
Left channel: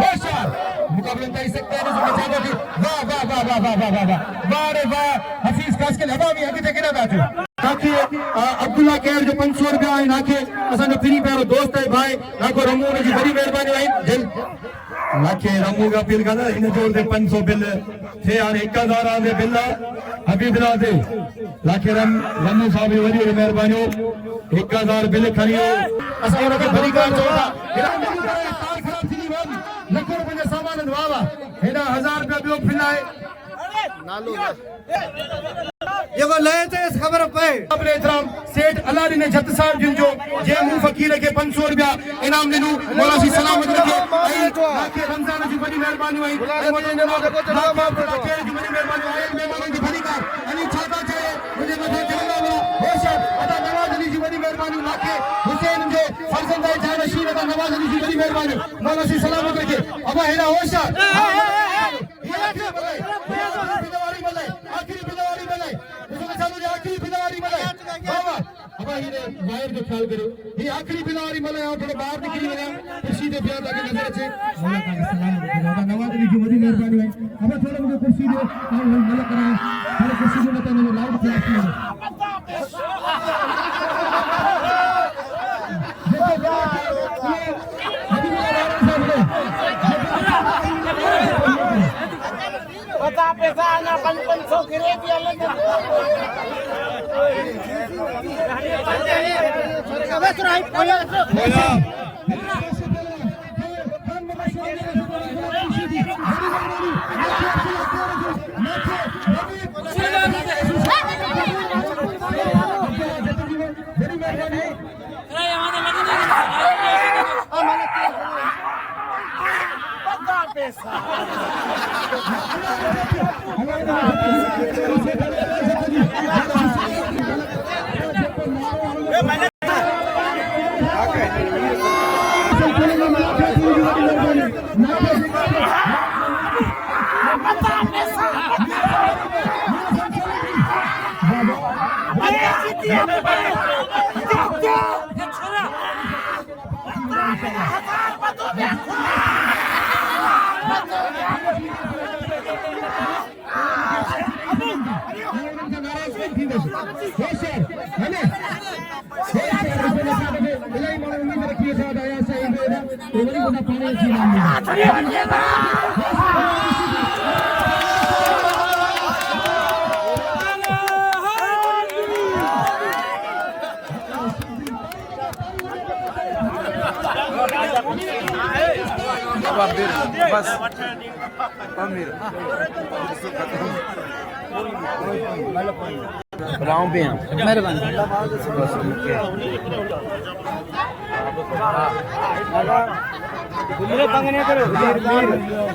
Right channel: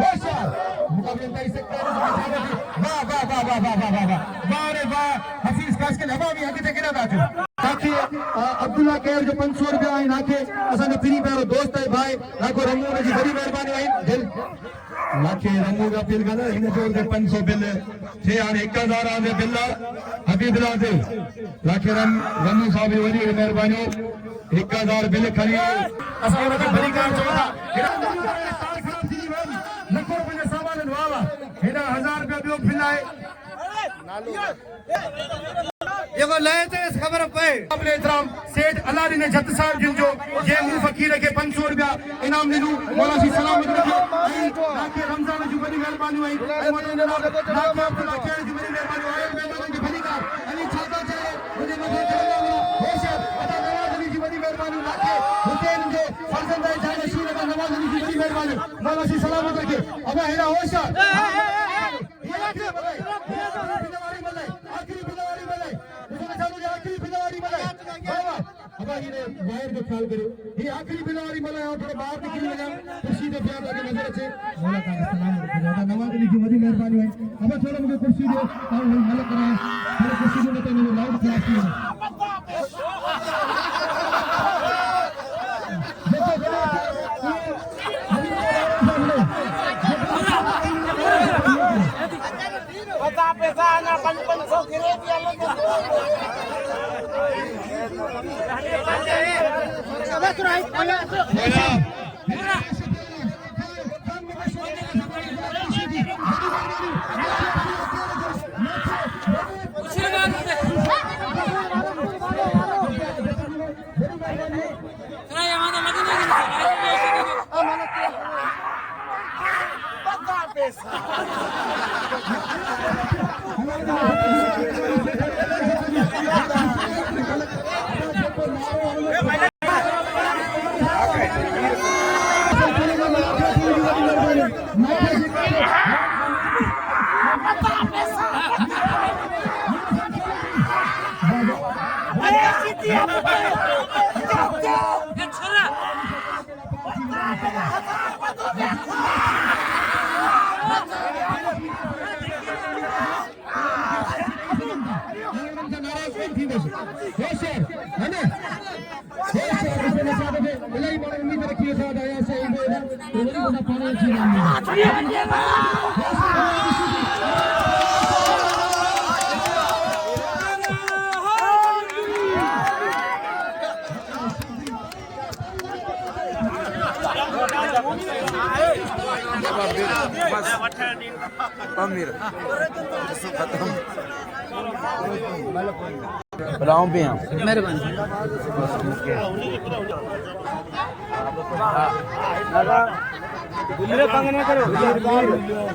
होशियार मुकाबले इंतहा सकते जिसो बचाते थे वाह वाह वाह वाह वाह वाह वाह वाह रे वाह हफीज खास के हवा भी आगे तक ना बैठे ताकि अब्दुल्ला केर जो 500 रुपया है नाके असन फ्री प्यारो दोस्त है भाई नाको रमू ने जी बड़ी मेहरबानी आई जल नाके रमू का बिल का इन जो 500 बिल थे यार 1000 आगे बिल हबीबुल्लाह दे नाके रमू साहब वरी मेहरबानी 1000 बिल खरी असन के बड़ी का चोड़ा लखो रुपया सामान वावा हेडा 1000 रुपया बिल फिलाए ये वो ले थे इस खबर पे अपने इतराम सेठ अलादी ने जत साहब जिन जो जे मुंह फकीर के 500 रुपया इनाम दिनु मौला सी सलामत रखे बाकी रमजान जी बड़ी मेहरबानी हुई ए वने जनाब नाम अब्दुल्ला केर जी बड़ी मेहरबानी आए मेहमान की बड़ी का अली छाता चाहे मुझे मथे चलना होशियार अदा नवाज अली जी बड़ी मेहरबानी नाके हुसैन जो फरजंद है जाने शीर अदा नवाज अली जी बड़ी मेहरबानी मौला सी सलामत रखे अब हेरा होशियार आखिरी बिलवारी बनाए उसने सालों आखिरी बिलवारी बनाए बाबा अब ये बाहर जो ख्याल करो ये आखिरी बिलवारी बनाए और थोड़ा बाहर निकली बना कुर्सी दे प्यार लगे नजर से मौला का सलाम बाबा नवाज अली की बड़ी मेहरबानी है अब थोड़ा मुझे कुर्सी दो और मौला का थोड़ा कुर्सी दो मत मुझे लाउड क्लास में बता पैसा आना 500 गिरे दिया लगे बस राइट बोला पैसा मेहरबानी